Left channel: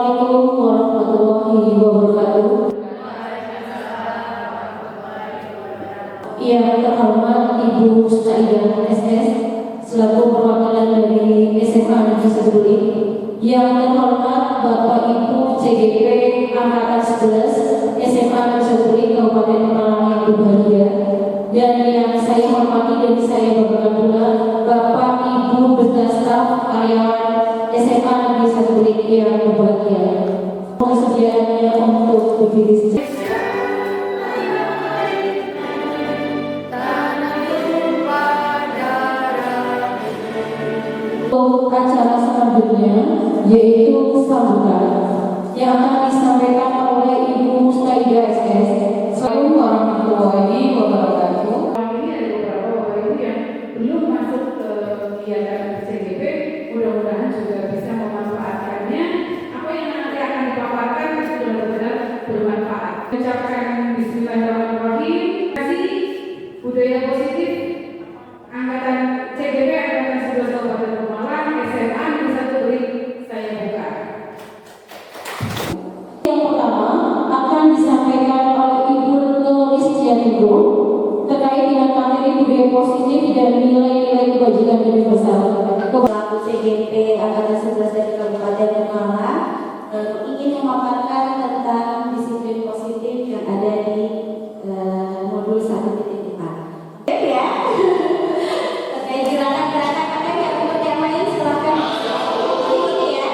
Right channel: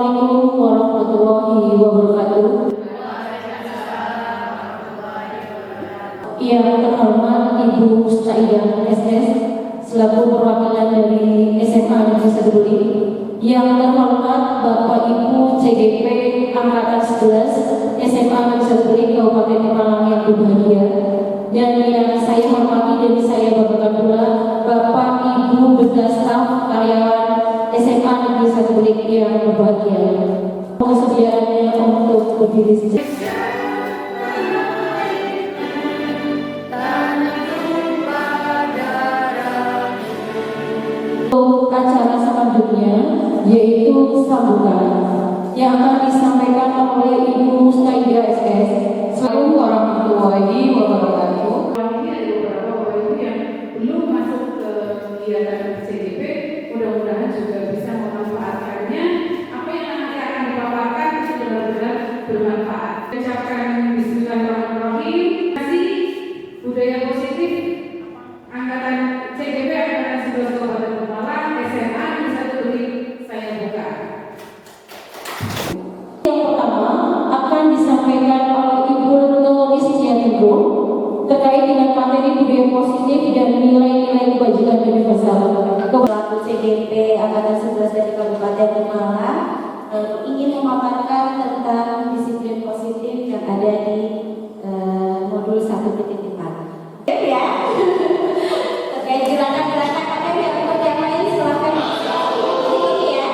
Assalamualaikum warahmatullahi wabarakatuh. Yang terhormat Ibu Saidah SS selaku perwakilan dari SMA Negeri 1 Duri. Yang terhormat Bapak Ibu CGP Angkatan 11 SMA Negeri 1 Duri Kabupaten Pemalang yang berbahagia. Dan yang saya hormati dan saya banggakan pula Bapak Ibu beserta staf karyawan SMA Negeri 1 Duri yang berbahagia. Persediaannya untuk berdiri sejenak. Untuk acara selanjutnya yaitu sambutan yang akan disampaikan oleh Ibu Saidah SS. Assalamualaikum warahmatullahi wabarakatuh. Ini ada beberapa Bapak Ibu yang belum masuk ke kegiatan CGP, mudah-mudahan juga bisa memanfaatkannya. Apa yang nanti akan dipaparkan itu benar-benar bermanfaat. Ucapkan Bismillahirrahmanirrahim. Terima kasih budaya positif angkatan CGP angkatan 11 Kabupaten Pemalang SMA Negeri 1 Duri saya buka. Yang pertama akan disampaikan oleh Ibu Retno Listianingrum terkait dengan materi budaya positif dan nilai-nilai kebajikan universal. Pelaku CGP Angkatan 11 dari Kabupaten Pemalang ingin memaparkan tentang disiplin positif yang ada di modul 1.4. Ya, terkait gerakan-gerakan ada yang ikut yang lain silahkan ikuti ya.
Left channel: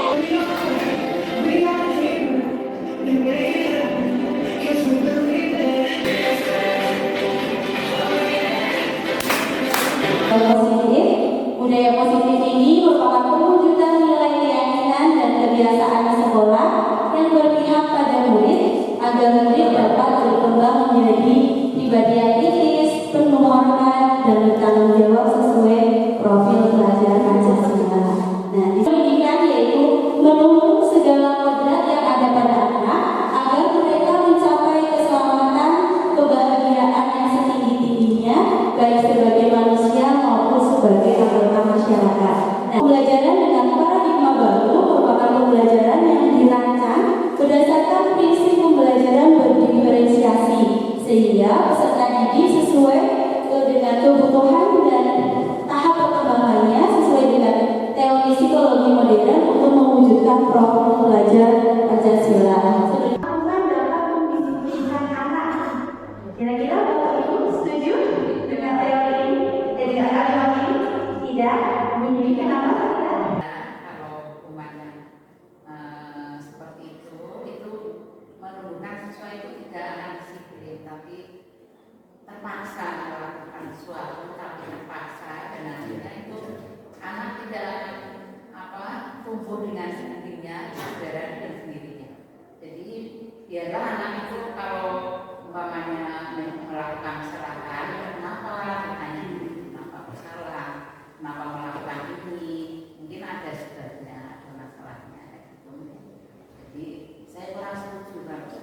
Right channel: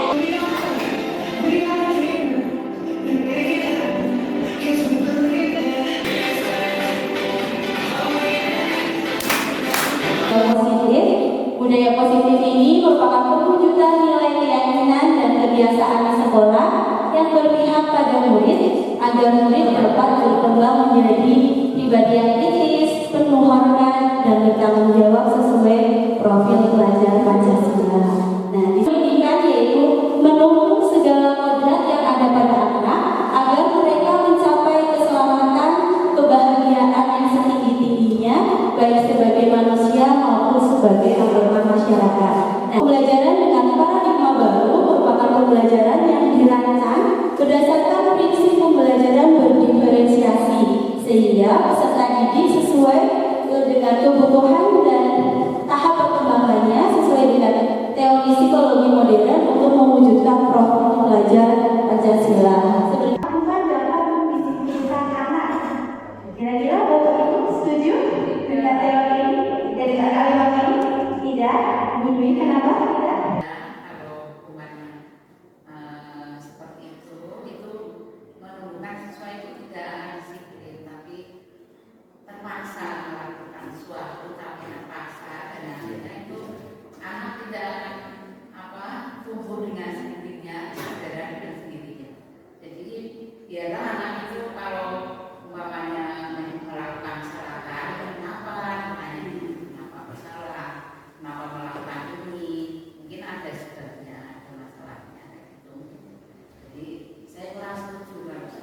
Budaya positif ini merupakan perwujudan nilai keyakinan dan kebiasaan di sekolah yang berpihak pada murid agar murid dapat berkembang menjadi pribadi yang kritis, penuh hormat dan bertanggung jawab sesuai profil pelajar Pancasila. Nah, di pendidikan yaitu menuntut segala kodrat yang ada pada anak agar mereka mencapai keselamatan, kebahagiaan yang setinggi-tingginya baik sebagai manusia maupun sebagai anggota masyarakat. Nah, pembelajaran dengan paradigma baru merupakan pembelajaran yang dirancang berdasarkan prinsip pembelajaran berdiferensiasi sehingga peserta didik sesuai dengan kebutuhan dan tahap perkembangannya sesuai dengan teori psikologi modern untuk mewujudkan profil pelajar Pancasila. Sebenarnya dapat mendisiplinkan anak. Kira-kira Bapak Ibu setuju dengan teori ini? Dengan kalimat ini? Tidak? Bunyi kenapa tidak? Kalau umpamanya seperti itu menunjukkan siswa itu tidak akan disiplin, tapi terpaksa melakukan sesuatu tapi terpaksa dan akhirnya itu anak tidak akan tumbuh dengan sendirinya, kesadaran dengan sendirinya. Jadi biarlah anak itu kalau umpamanya melakukan kesalahan, kenapa salah, kenapa melakukan ini, mungkin ada sebabnya, ada masalahnya gitu. Jadi saya kurang setuju banget.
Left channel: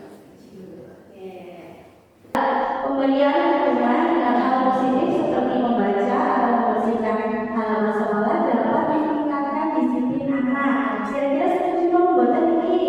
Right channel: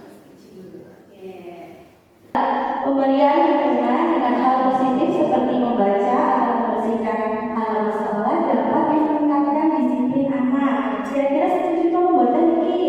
Pemberian dukungan dengan hal positif seperti membaca atau membersihkan halaman sekolah dapat meningkatkan disiplin anak. Kira-kira setuju kamu buatan ini?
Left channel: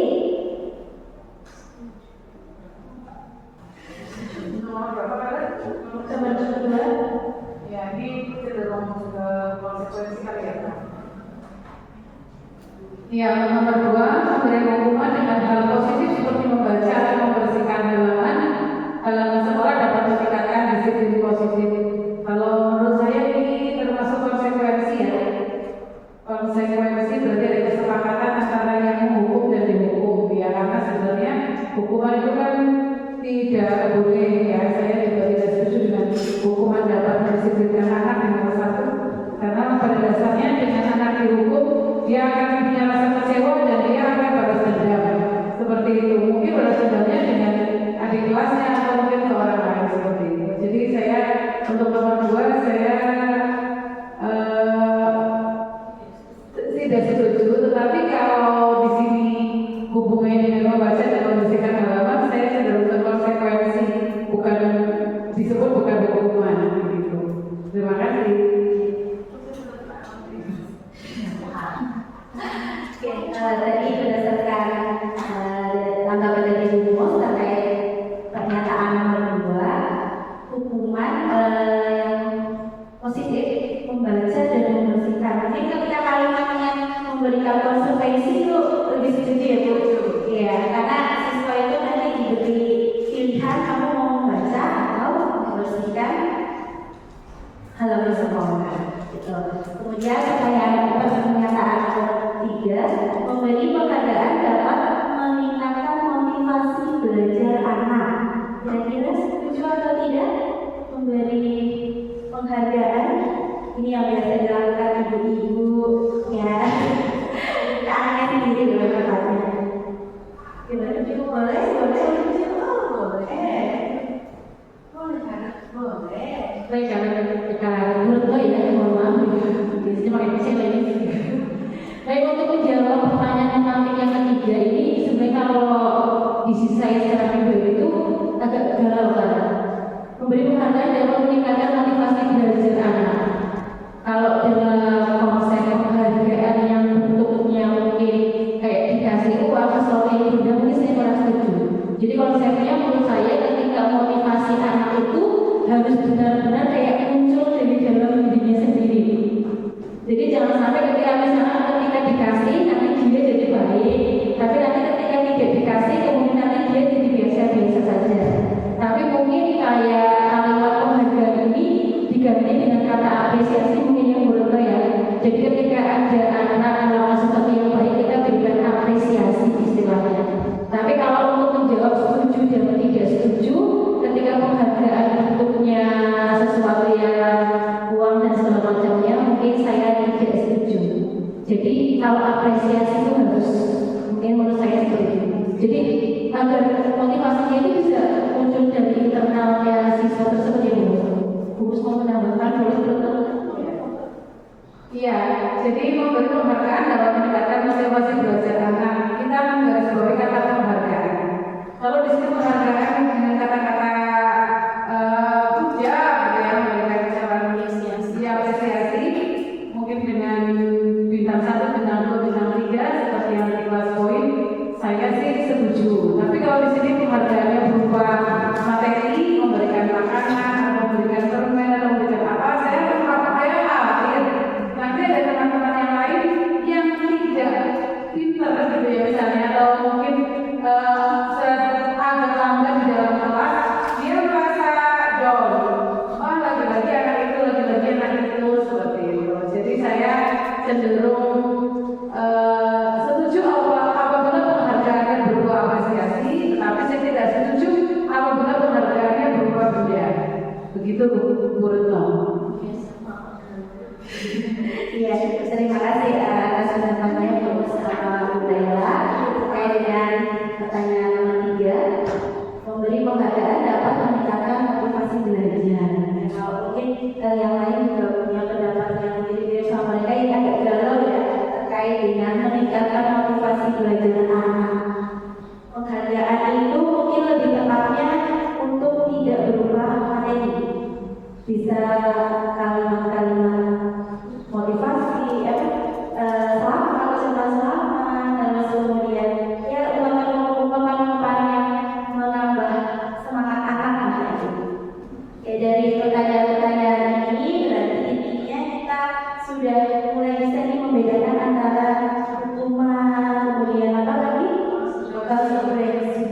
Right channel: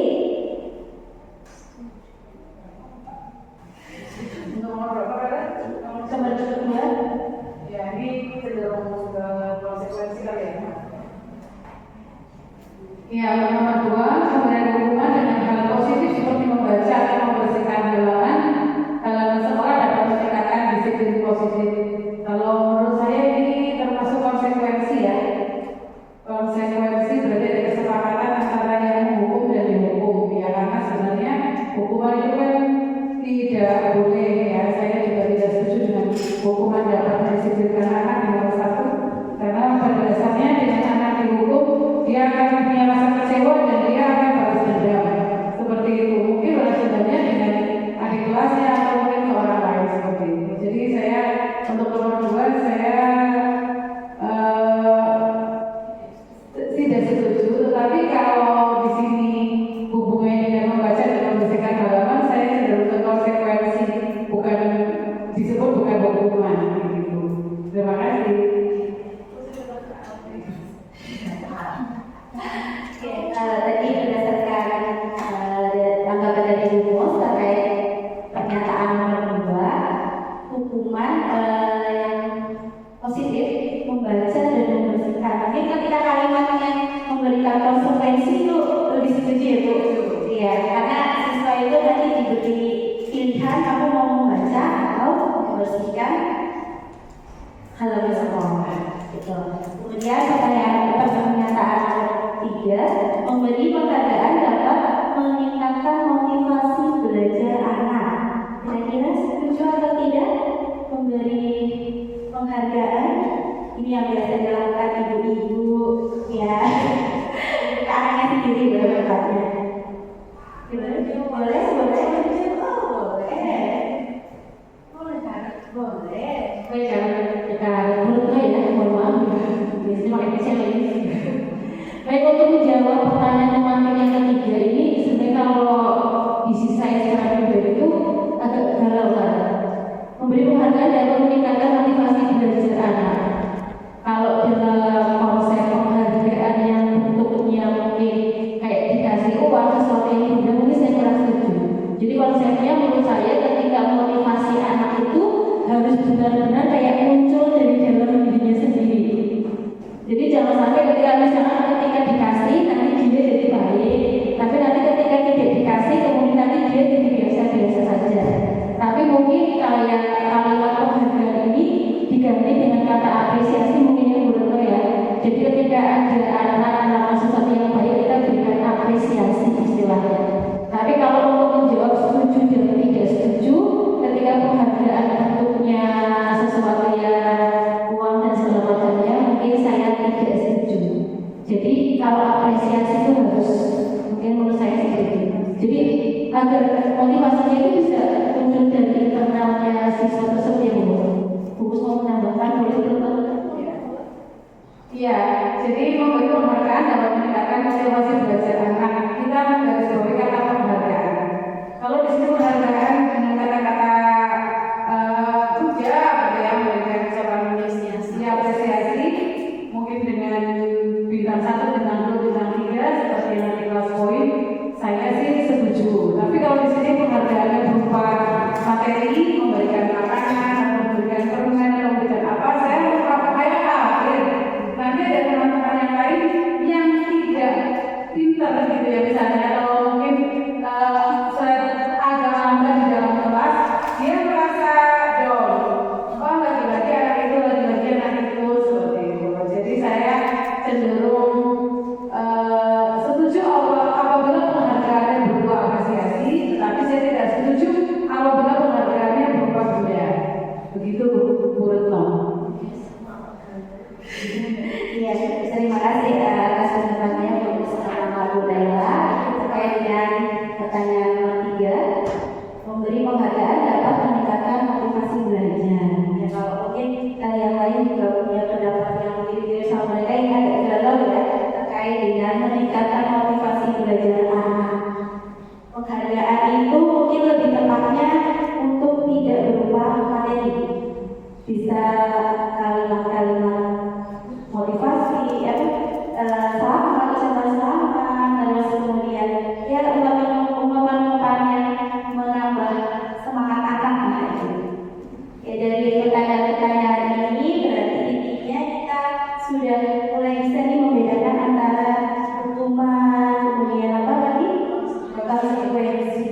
Iya, karena siswa itu nanti diberi pilihan kamu mau membaca atau membersihkan halaman sekolah. Gitu. Kemudian pernyataan ketiga, memberi penghargaan dapat meningkatkan motivasi belajar anak. Kira-kira setuju atau tidak memberi penghargaan? Ini yang biasa dilakukan ibu-ibu, ya. Anaknya sendiri loh tempatnya. Gimana? Boleh? Boleh. Baik, jangan dulu ya, mohon maaf. Biasanya pakai PC lagi. Baik, untuk menjawab pertanyaan tematik yang ketiga ini, sebenarnya kalau di sisi saya secara pribadi itu agak galau kan. Memberi penghargaan dapat meningkatkan motivasi belajar anak. Kalau dalam konsep penghargaan yang bentuknya mungkin kayak dikasih uang sesuatu yang mudah, mungkin saya kurang setuju. Jadi konsepnya menurut saya ketika motivasi anak itu harus benar-benar kayak muncul dari dalam dirinya sendiri. Jadi jangan sampai ketika misalkan ketika dikasih nanti dia jadi baik, tapi nanti ketika tidak dikasih kemudian nanti dia jadi biasa-biasa saja. Tapi mungkin kayak kalimat penghargaan ini diganti dengan kata apresiasi, mungkin yang benar ya. Jadi ketika ada anak melakukan sesuatu yang baik, kita berikan apresiasi istilahnya. Tapi kalau untuk menjawab setuju dan tidak setuju, ketika penghargaan bentuknya sesuatu yang uang dan segala macamnya, mungkin saya tidak setuju. Jadi kalau apresiasi itu harus, mungkin menurut saya seperti itu. Jadi agar motivasinya itu bisa muncul dari internalnya siswa tersebut ya Bu. Bungkus mau menambahkan boleh betul? Iya, jadi memberi penghargaan dapat meningkatkan motivasi belajar anak. Kita menggarisbawahi kata penghargaan. Kalau di sini penghargaan dengan kata-kata puja, ya, memberikan ucapan apresiasi, mungkin dengan bintang 1, bintang 2, bintang 3 seperti yang di kelas poin, saya sih setuju. Tapi kalau di sini penghargaannya berupa materi, memberikan makanan, memberikan permen, memberikan apa, saya khawatir nanti ada teman-teman yang lain yang tidak pintar gitu ya, misalnya atau mungkin agak lambat di dalam kelas, dia merasa down. Oh, lagi-lagi anak itu seperti itu. Jadi saya cenderung setuju apabila penghargaannya berupa apresiasi, tetapi saya tidak setuju apabila penghargaannya berupa benda. Begitu Bu Retno. Iya, terima kasih atas pendapatannya Bu Laila. Terkait dengan pertanyaan nomor 3, memberi penghargaan dapat meningkatkan motivasi belajar. Ya, kalau mungkin yang lain juga punya pendapat yang mirip-mirip sama mereka, yang agak galau ya terkait dengan meningkatkan motivasi belajar anak. Penghargaan itu mungkin lebih tepatnya untuk tidak berupa materi, bisa kalimat-kalimat motivasi, selamat, terus kemudian ya ungkapan-ungkapan yang menambah semangat anak gitu. Ya, dari pertanyaan-pertanyaan ini berarti intinya kita sudah mulai bisa nih membedakan antara hukuman, kemudian apa tadi, konsekuensi,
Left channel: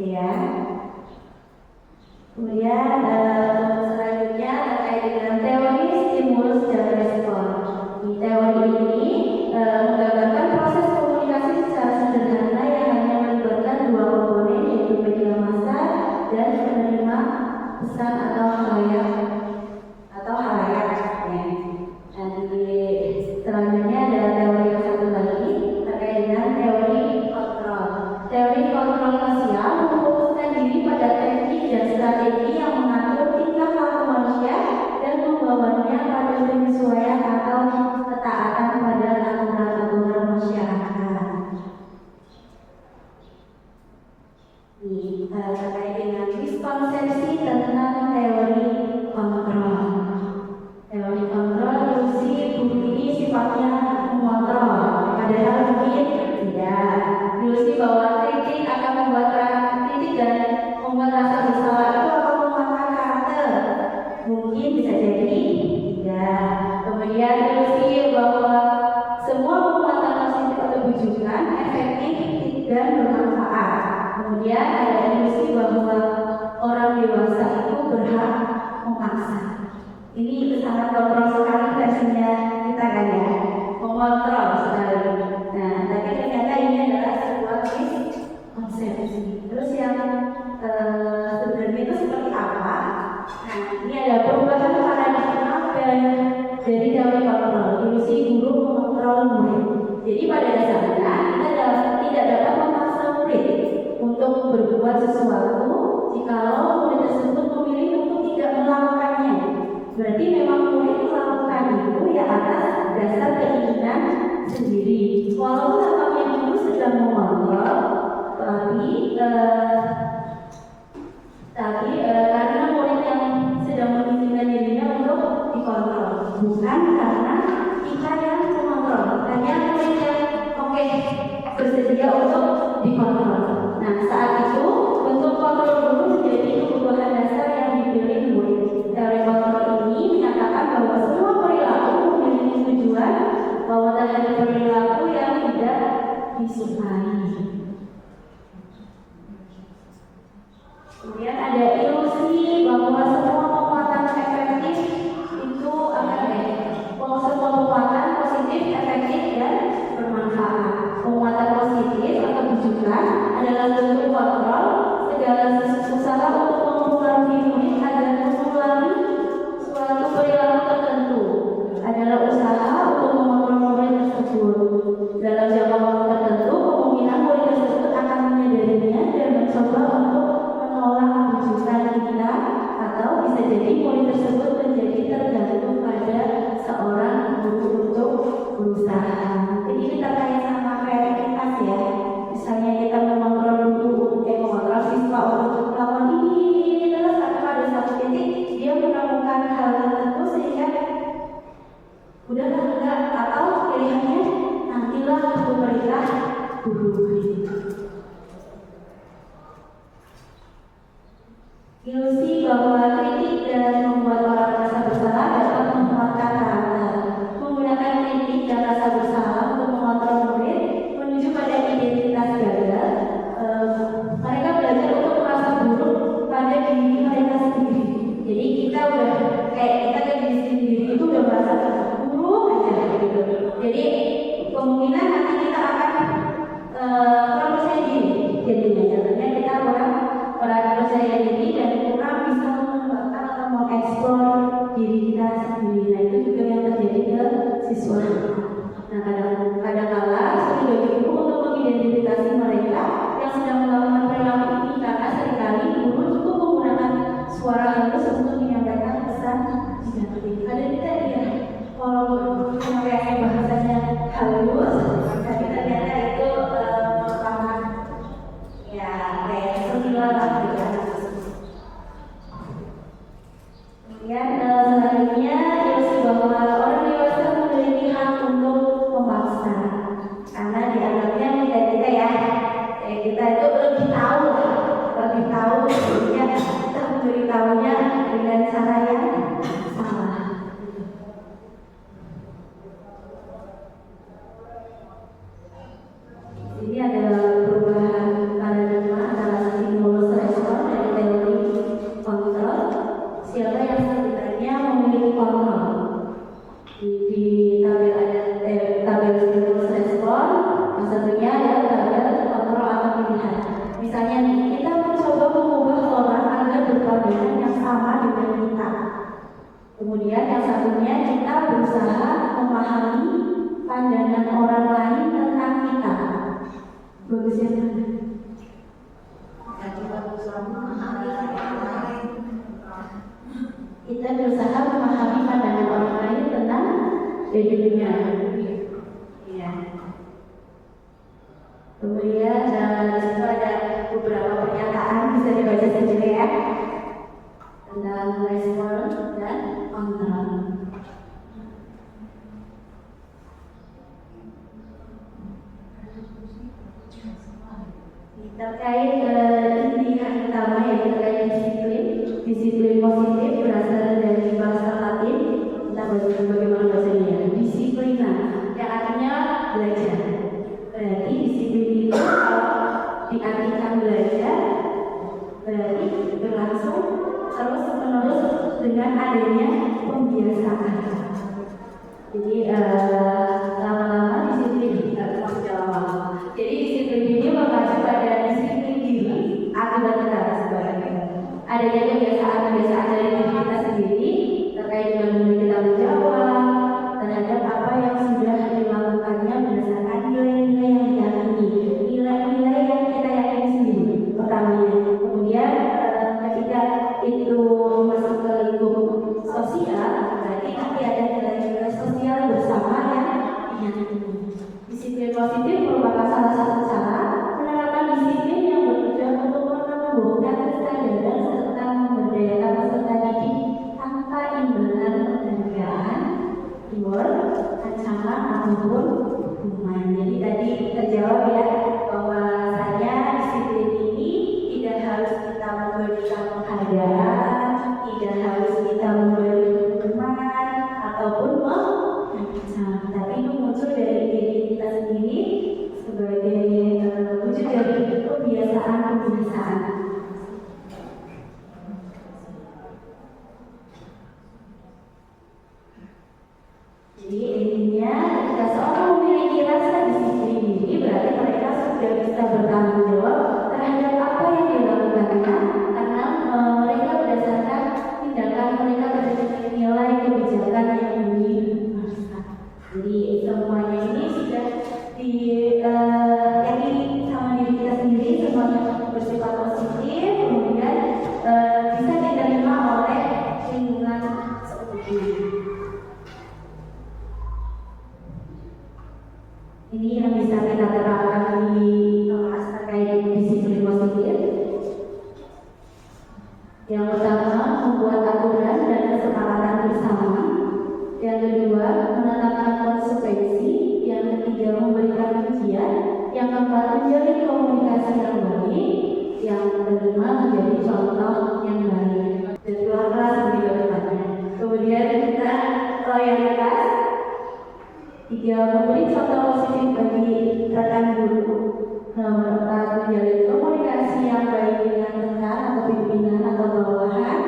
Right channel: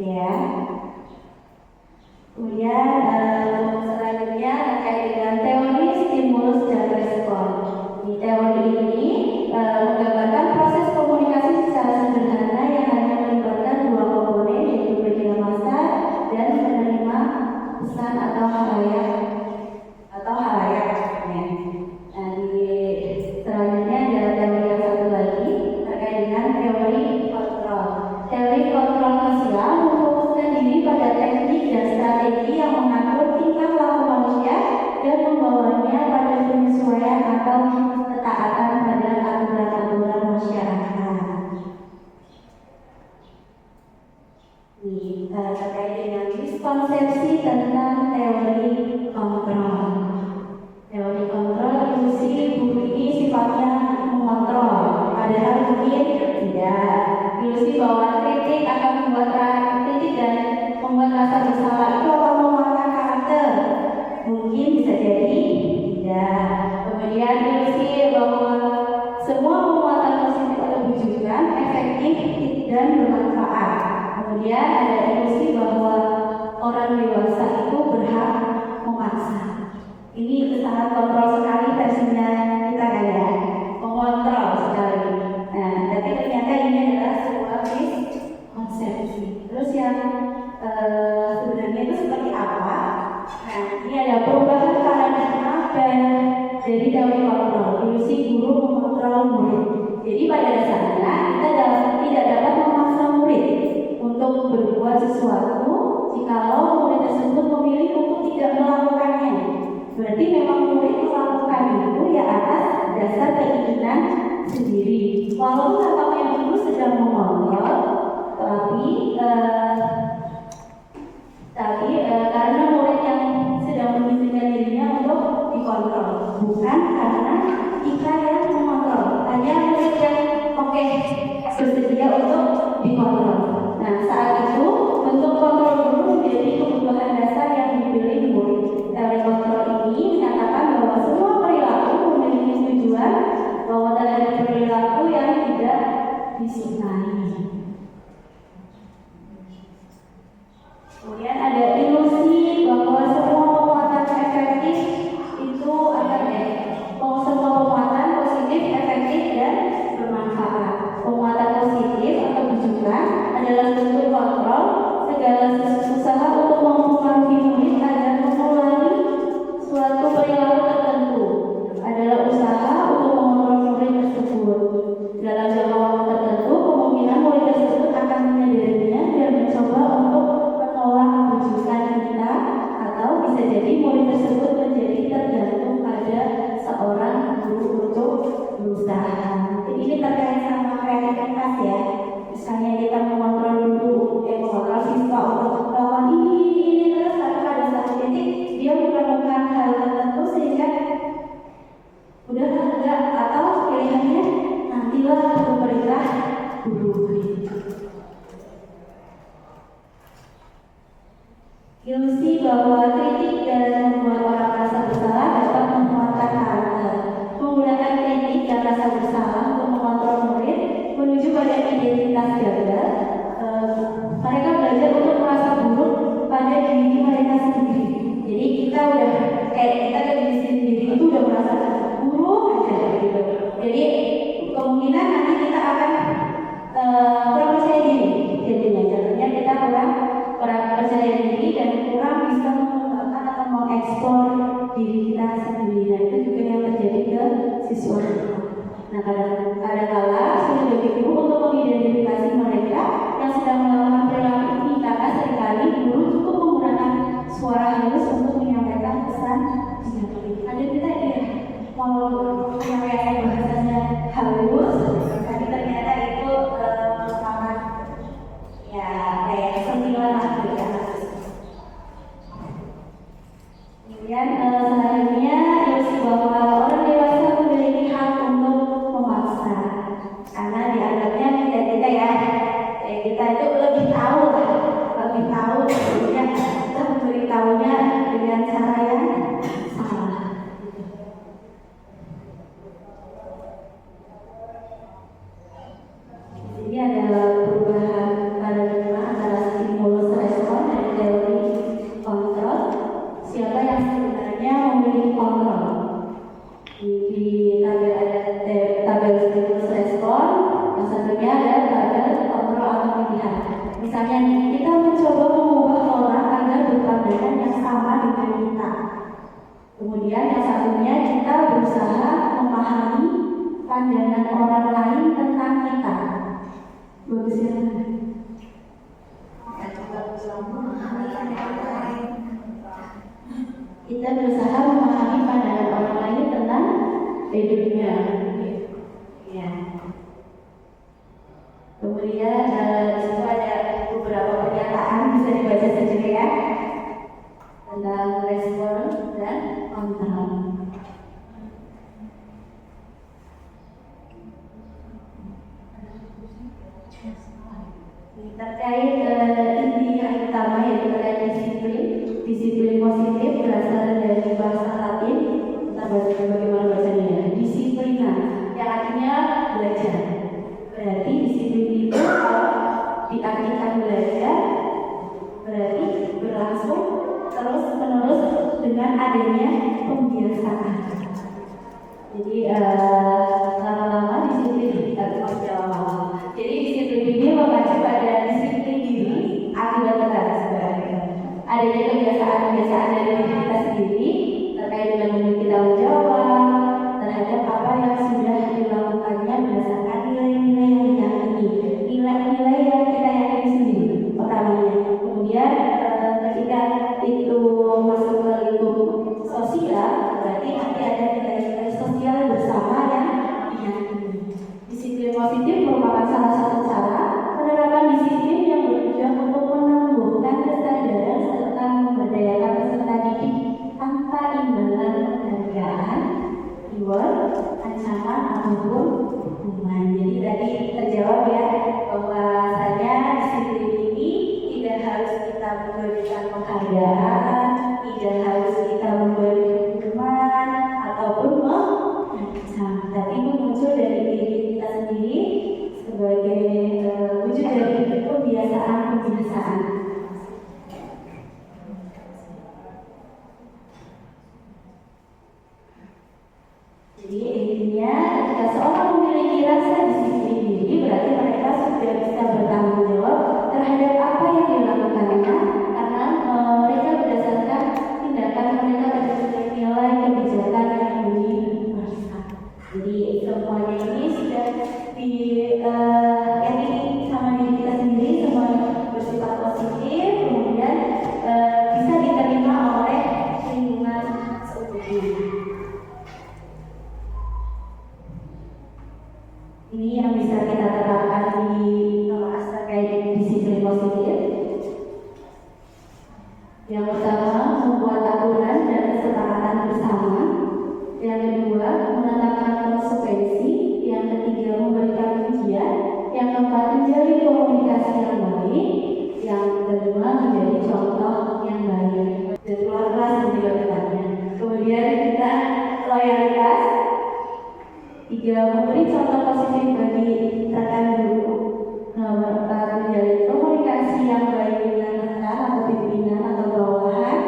ya. Kemudian selanjutnya terkait dengan teori stimulus dan respon. Di teori ini menggambarkan proses komunikasi secara sederhana yang hanya melibatkan dua komponen, yaitu media massa dan penerima pesan atau halayak. Ya. Nah, di selanjutnya ada teori yang satu lagi terkait dengan teori kontrol. Teori kontrol sosial memfokuskan diri pada teknik dan strategi yang mengatur tingkah laku manusia dan membawanya pada penyesuaian atau ketaatan pada aturan-aturan masyarakat. Terkait dengan miskonsepsi tentang teori kontrol. Teori kontrol ilusi ini sifatnya mengontrol, padahal mungkin tidak. Ilusi bahwa kritik akan kritik dan membuat rasa bersalah itu akan mematahkan karakter. Mungkin bisa jadi tidak. Kemudian ilusi bahwa semua penguatan positif atau bujukan efektif dan bermanfaat. Kemudian ada ilusi bahwa orang dewasa itu berhak memaksa. Ini sangat kontrol sekali versinya kita kan ya, mengontrol sekali. Nah, tapi ternyata ini adalah sebuah miskonsepsi. Terus yang sebenarnya itu seperti apa? Nah, ini ada perubahan paradigma dari teori kontrol, ilusi guru mengontrol murid. Jadi pada dasarnya kita tidak dapat memaksa murid untuk berbuat sesuatu jikalau murid tersebut memilih untuk tidak melakukannya. Berarti memang murid melakukan itu ya atas dasar keinginan sendiri. Walaupun apapun yang guru sedang mengontrol, tapi karena murid yang sedang mengizinkan dirinya untuk dikontrol, bukan karena kita yang mengontrol. Hanya murid yang bersedia untuk dikontrol. Nah, saat itu bentuk kontrol guru menjadi kebutuhan dasar yang dipilih murid. Teori kontrol ini menyatakan bahwa semua perilaku memiliki tujuan, bahwa terjadi perilaku yang tidak disukai. Kemudian ada ilusi bahwa semua penguatan efektif itu akan semua penguatan positif, efektif dan bermanfaat. Penguatan positif atau tujuan adalah bentuk kontrol segala usaha untuk mempengaruhi murid agar mengulangi suatu perilaku tertentu adalah usaha untuk mengontrol murid tersebut. Dalam jangka waktu tertentu, kemungkinan murid tersebut akan menyadarinya dan mencoba untuk menolak rujukan kita, atau bisa jadi murid tersebut menjadi tergantung pada seorang guru untuk berusaha. Jadi ini terkait sama kreativitas ya. Misalnya kita mengontrol mengontrol siswa untuk melakukan ini terus, tapi pada satu titik dia menemukan hal tertentu sehingga udah enggak, atau pilihannya nantilah untuk perintah guru. Ilusi bahwa kritik dan membuat orang merasa bersalah dapat menguatkan karakter. Menggunakan kritik dan rasa bersalah untuk mengontrol murid menuju pada identitas gagal. Mereka belajar untuk merasa buruk pada diri mereka sendiri. Jadi kita udah kita ke diri sendiri itu udah merasa buruk aja gitu. Jadi kemungkinan nanti kita akan kurang percaya diri. Jadinya kita kurang percaya diri dan kurang bisa mengembangkan atau mengeksplor diri kita sendiri. Nah, itu juga yang terjadi ke siswa. Nah, kadang-kala sulit bagi guru untuk mengidentifikasi mereka yang sedang melakukan perilaku ini, karena seringkali guru cukup menggunakan suara halus untuk menyampaikan pesan negatif. Ada tidak ya? Walau menyampaikan bahasanya halus, tapi ternyata itu sangat kayak sentilan lah gitu. Kemudian selanjutnya ilusi bahwa orang dewasa memiliki hak untuk memaksa, karena dianggapnya kita ya kita itu lebih tahu, sehingga kita memberitahunya dengan cara yang salah. Ini ada perubahan paradigma antara stimulus respon dari teori kontrol. Siapa yang sebenarnya memiliki kontrol? Di tabel ada tabel stimulus respon, yang satunya ada tabel kontrol atau pilihan. Misalnya nih, kita mencoba mengubah orang agar berpandangan yang sama dengan kita. Kemudian yang satunya kita berusaha memahami pandangan orang lain tentang kita. Bagus ya? Kita berusaha memahami pandangan orang lain tentang hidupnya. Ya. Kemudian di situ ada beberapa pernyataan, bisa dibaca sendiri ya, tentang respon dan kontrol. Terkait inti yang utama yaitu terkait disiplin positif berasal dari bahasa Latin. Kita baca bagaimana bacanya. Disiplina yang artinya belajar. Berarti disiplin itu diartikan belajar berarti berlangsung terus menerus dengan adanya pembiasaan. Jadi lama-lama disiplin lama. Jadi disiplin ini mengacu pada disiplin diri akibat sebenarnya. Adanya kebiasaan-kebiasaan dari diri kita sendiri terkait dengan memiliki tanggung jawab terhadap apa yang sudah dilakukannya berdasarkan nilai-nilai yang diyakini, nilai-nilai yang kita yakini sendiri pertamanya. Kemudian ketika itu masuk ke lingkup sosial, berarti nanti ada nilai-nilai sosial bersama yang diyakini. Disiplin positif merupakan salah satu cara penerapan disiplin yang bertujuan untuk menumbuhkan kesadaran serta memberdayakan peserta didik tanpa imbalan penghargaan, reward, ancaman ataupun hukuman. Jadi tadi terjawab ya bahwasanya disiplin ini tidak harus kita memberikan penghargaan, tidak harus kita memberi hukuman ataupun mengancam, tapi itu muncul dari diri kita sendiri sebagai wujud dari kebiasaan-kebiasaan. Jadi intinya ketika seorang memiliki rasa disiplin diri berarti mereka sudah bisa bertanggung jawab terhadap apa yang dilakukannya karena mereka berdasarkan tindakan mereka berdasarkan nilai kebijakan yang universal. Jadi semuanya ini sudah diyakini sama diri kita sendiri, semuanya bersifat positif, kemudian bisa diterima oleh lingkungan seutuhnya. Ini yang bisa kita terapkan di kelas terkait disiplin positif. Yang pertama, membuat aturan dan kesepakatan bersama. Yang kedua, menetapkan konsekuensi. Yang ketiga, memberikan ujian. Yang keempat, menjalin komunikasi yang baik. Yang kelima, menjadi contoh yang baik. Dan pelan-pelan lebih ke depannya. Kemudian kita loyalitas. 3. Memberi contoh positif bagi rekan guru. Nomor 4. Menjalin komunikasi yang baik dengan rekan atau pimpinan atau bawahan.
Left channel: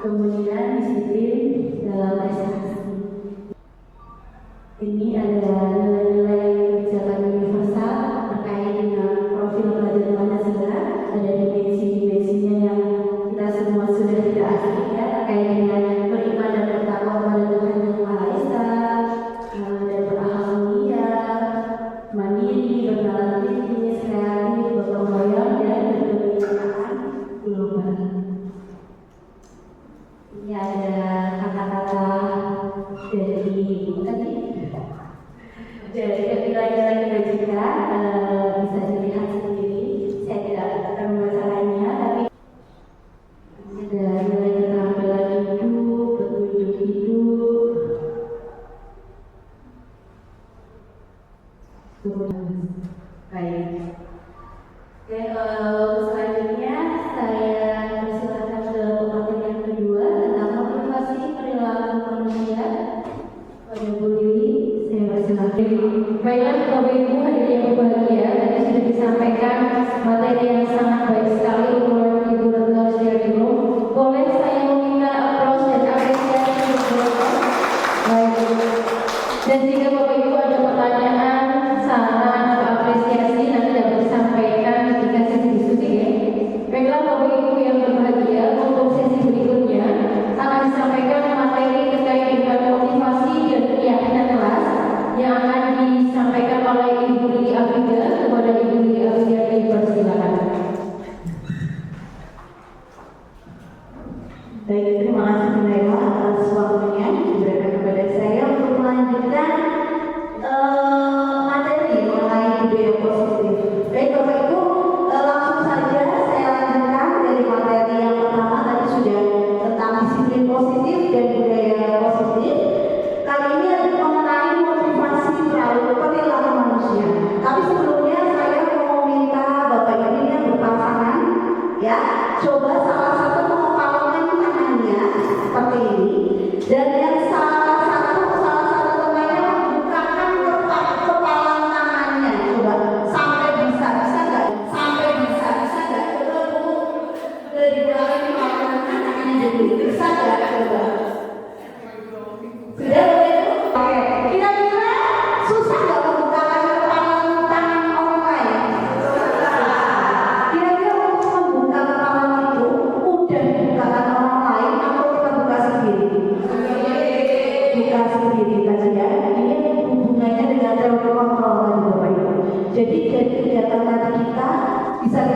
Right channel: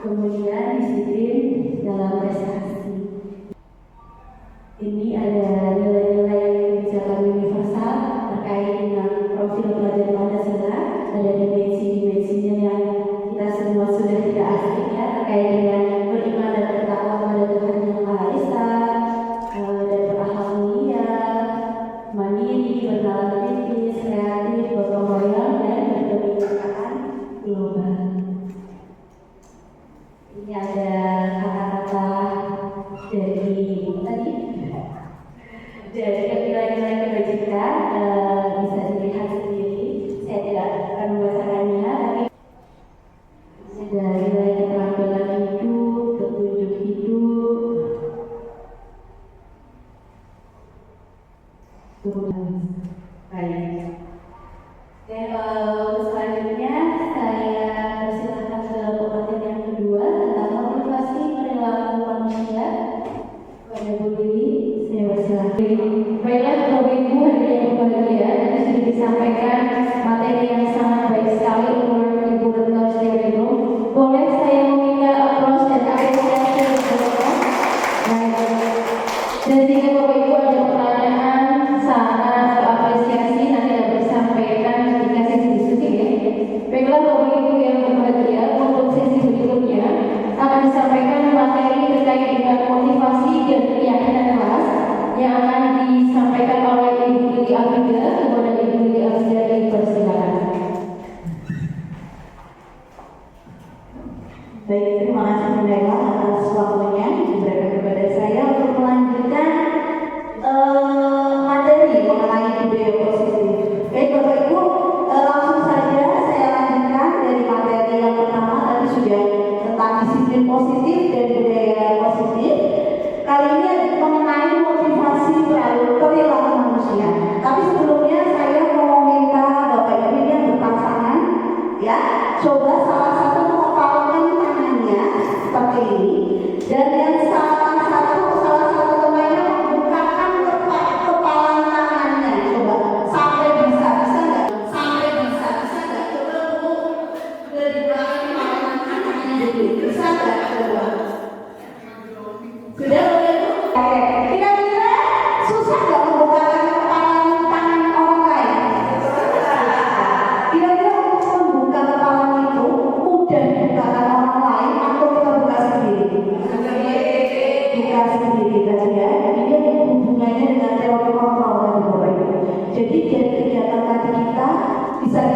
Kemudian disiplin dalam prestasi. Ini ada nilai-nilai kebijakan universal terkait dengan profil pelajar Pancasila. Ada dimensi-dimensinya yang kita semua sudah tidak asing ya, terkait dengan beriman dan bertakwa kepada Tuhan Yang Maha Esa, dan berakhlak mulia, mandiri, bernalar kritis, kreatif, gotong royong, dan berkebijakan global. Ini ada kata-kata dari tadi dari nilai-nilai kebajikan, bisa dilihat sendiri. Saya tidak akan membacakannya, tapi ada nilai keterampilan hidup, petunjuk hidup. Baik. Oke, selanjutnya saya persilakan ke pemaparan yang kedua tentang motivasi perilaku manusia. Pada Bu Dewi, saya persilakan. Baiklah Bapak Ibu hadirin yang berbahagia, tadi sudah disampaikan materi yang sangat baik sekali menurut Ibu Retno Setiarino. Boleh saya meminta aplaus dan apresiasi untuk Bapak. Baik. Dan jika Bapak Ibu ada pertanyaan, saran atau apresiasi nanti dapat disampaikan ketika sesi diskusi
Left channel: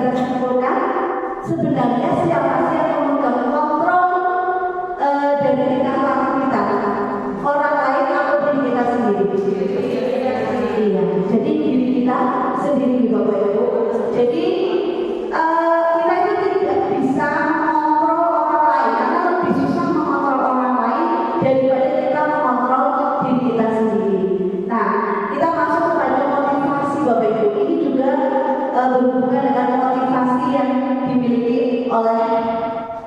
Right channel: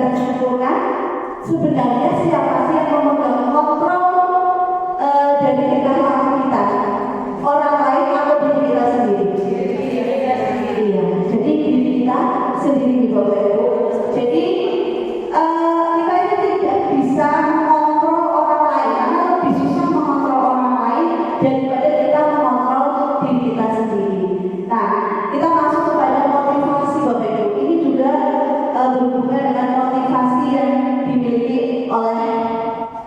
kita simpulkan, sebenarnya siapa sih yang memegang kontrol dari tingkah laku kita? Orang lain atau diri kita sendiri? Iya, jadi diri kita sendiri, Bapak Ibu. Jadi kita itu tidak bisa mengontrol orang lain, karena lebih susah mengontrol orang lain daripada kita mengontrol diri kita sendiri. Nah, kita masuk kepada motivasi, Bapak Ibu. Ini juga berhubungan dengan motivasi yang dimiliki oleh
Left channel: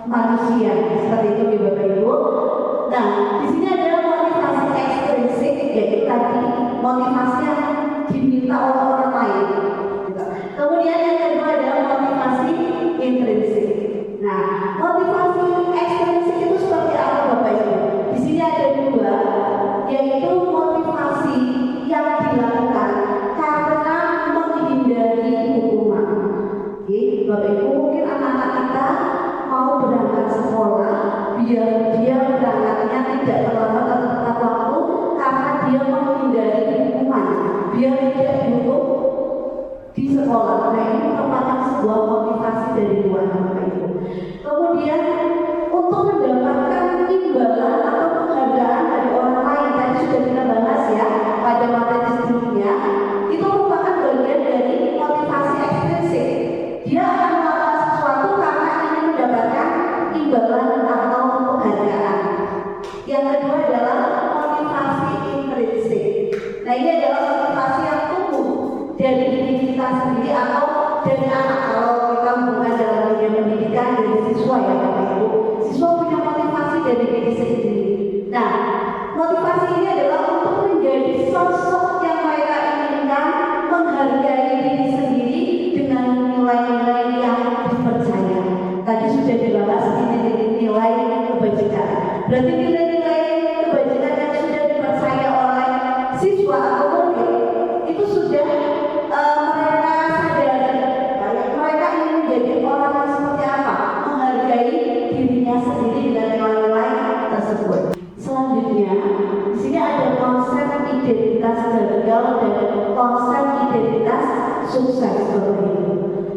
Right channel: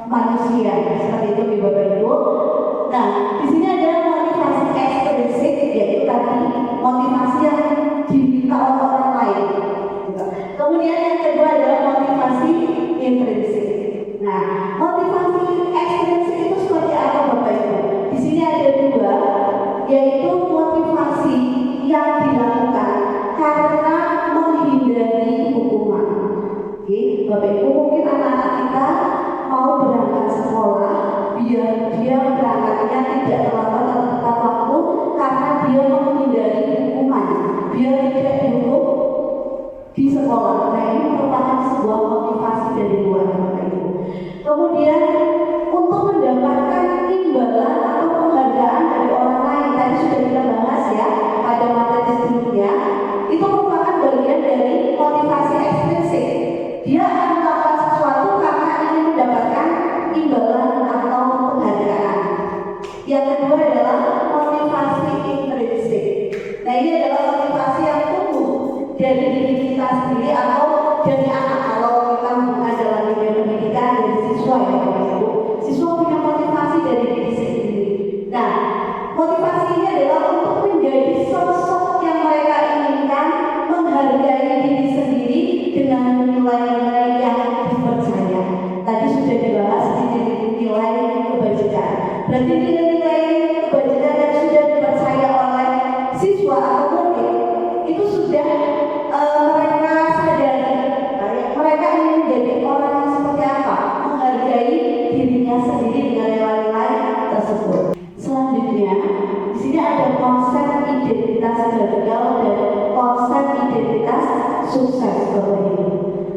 manusia, seperti itu, Bapak Ibu. Nah, di sini ada motivasi ekstrinsik, yaitu tadi motivasi yang diminta oleh orang lain. Kemudian yang kedua adalah motivasi intrinsik. Nah, motivasi ekstrinsik itu seperti apa, Bapak Ibu? Di sini ada dua, yaitu motivasi yang dilakukan karena menghindari hukuman. Oke, Bapak Ibu, mungkin anak-anak kita mau berangkat sekolah, biar dia berangkatnya tidak terlambat atau tepat waktu karena dia menghindari hukuman, biar tidak dihukum di sekolah. Nah, ini merupakan sebuah motivasi dari luar, Bapak Ibu. Kemudian untuk mendapatkan imbalan atau penghargaan dari orang lain, tadi sudah kita bahas ya pada materi sebelumnya, itu merupakan bagian dari motivasi ekstrinsik. Dia akan melakukan sesuatu karena ingin mendapatkan imbalan atau penghargaan. Yang kedua adalah motivasi intrinsik. Nah, ini adalah motivasi yang tumbuh dari diri kita sendiri atau dari anak. Kalau kita bukan dalam dunia pendidikan dari siswa ya, Bapak Ibu, siswa punya motivasi dari diri sendiri. Nah, motivasi ini adalah untuk menjadi sosok yang mereka inginkan, menghargai diri sendiri dengan nilai-nilai yang dipercaya. Tadi sudah dibahas nilai kebajikan. Berarti nilai-nilai kebajikan yang sudah dipercaya oleh siswa atau murid itu sudah mereka sadari. Mereka ingin menjadi orang yang seperti apa? Menghargai dirinya sendiri dengan nilai-nilai tersebut. Selanjutnya, di sini ada konsep identitas gagal dan konsep identitas sukses, Bapak Ibu.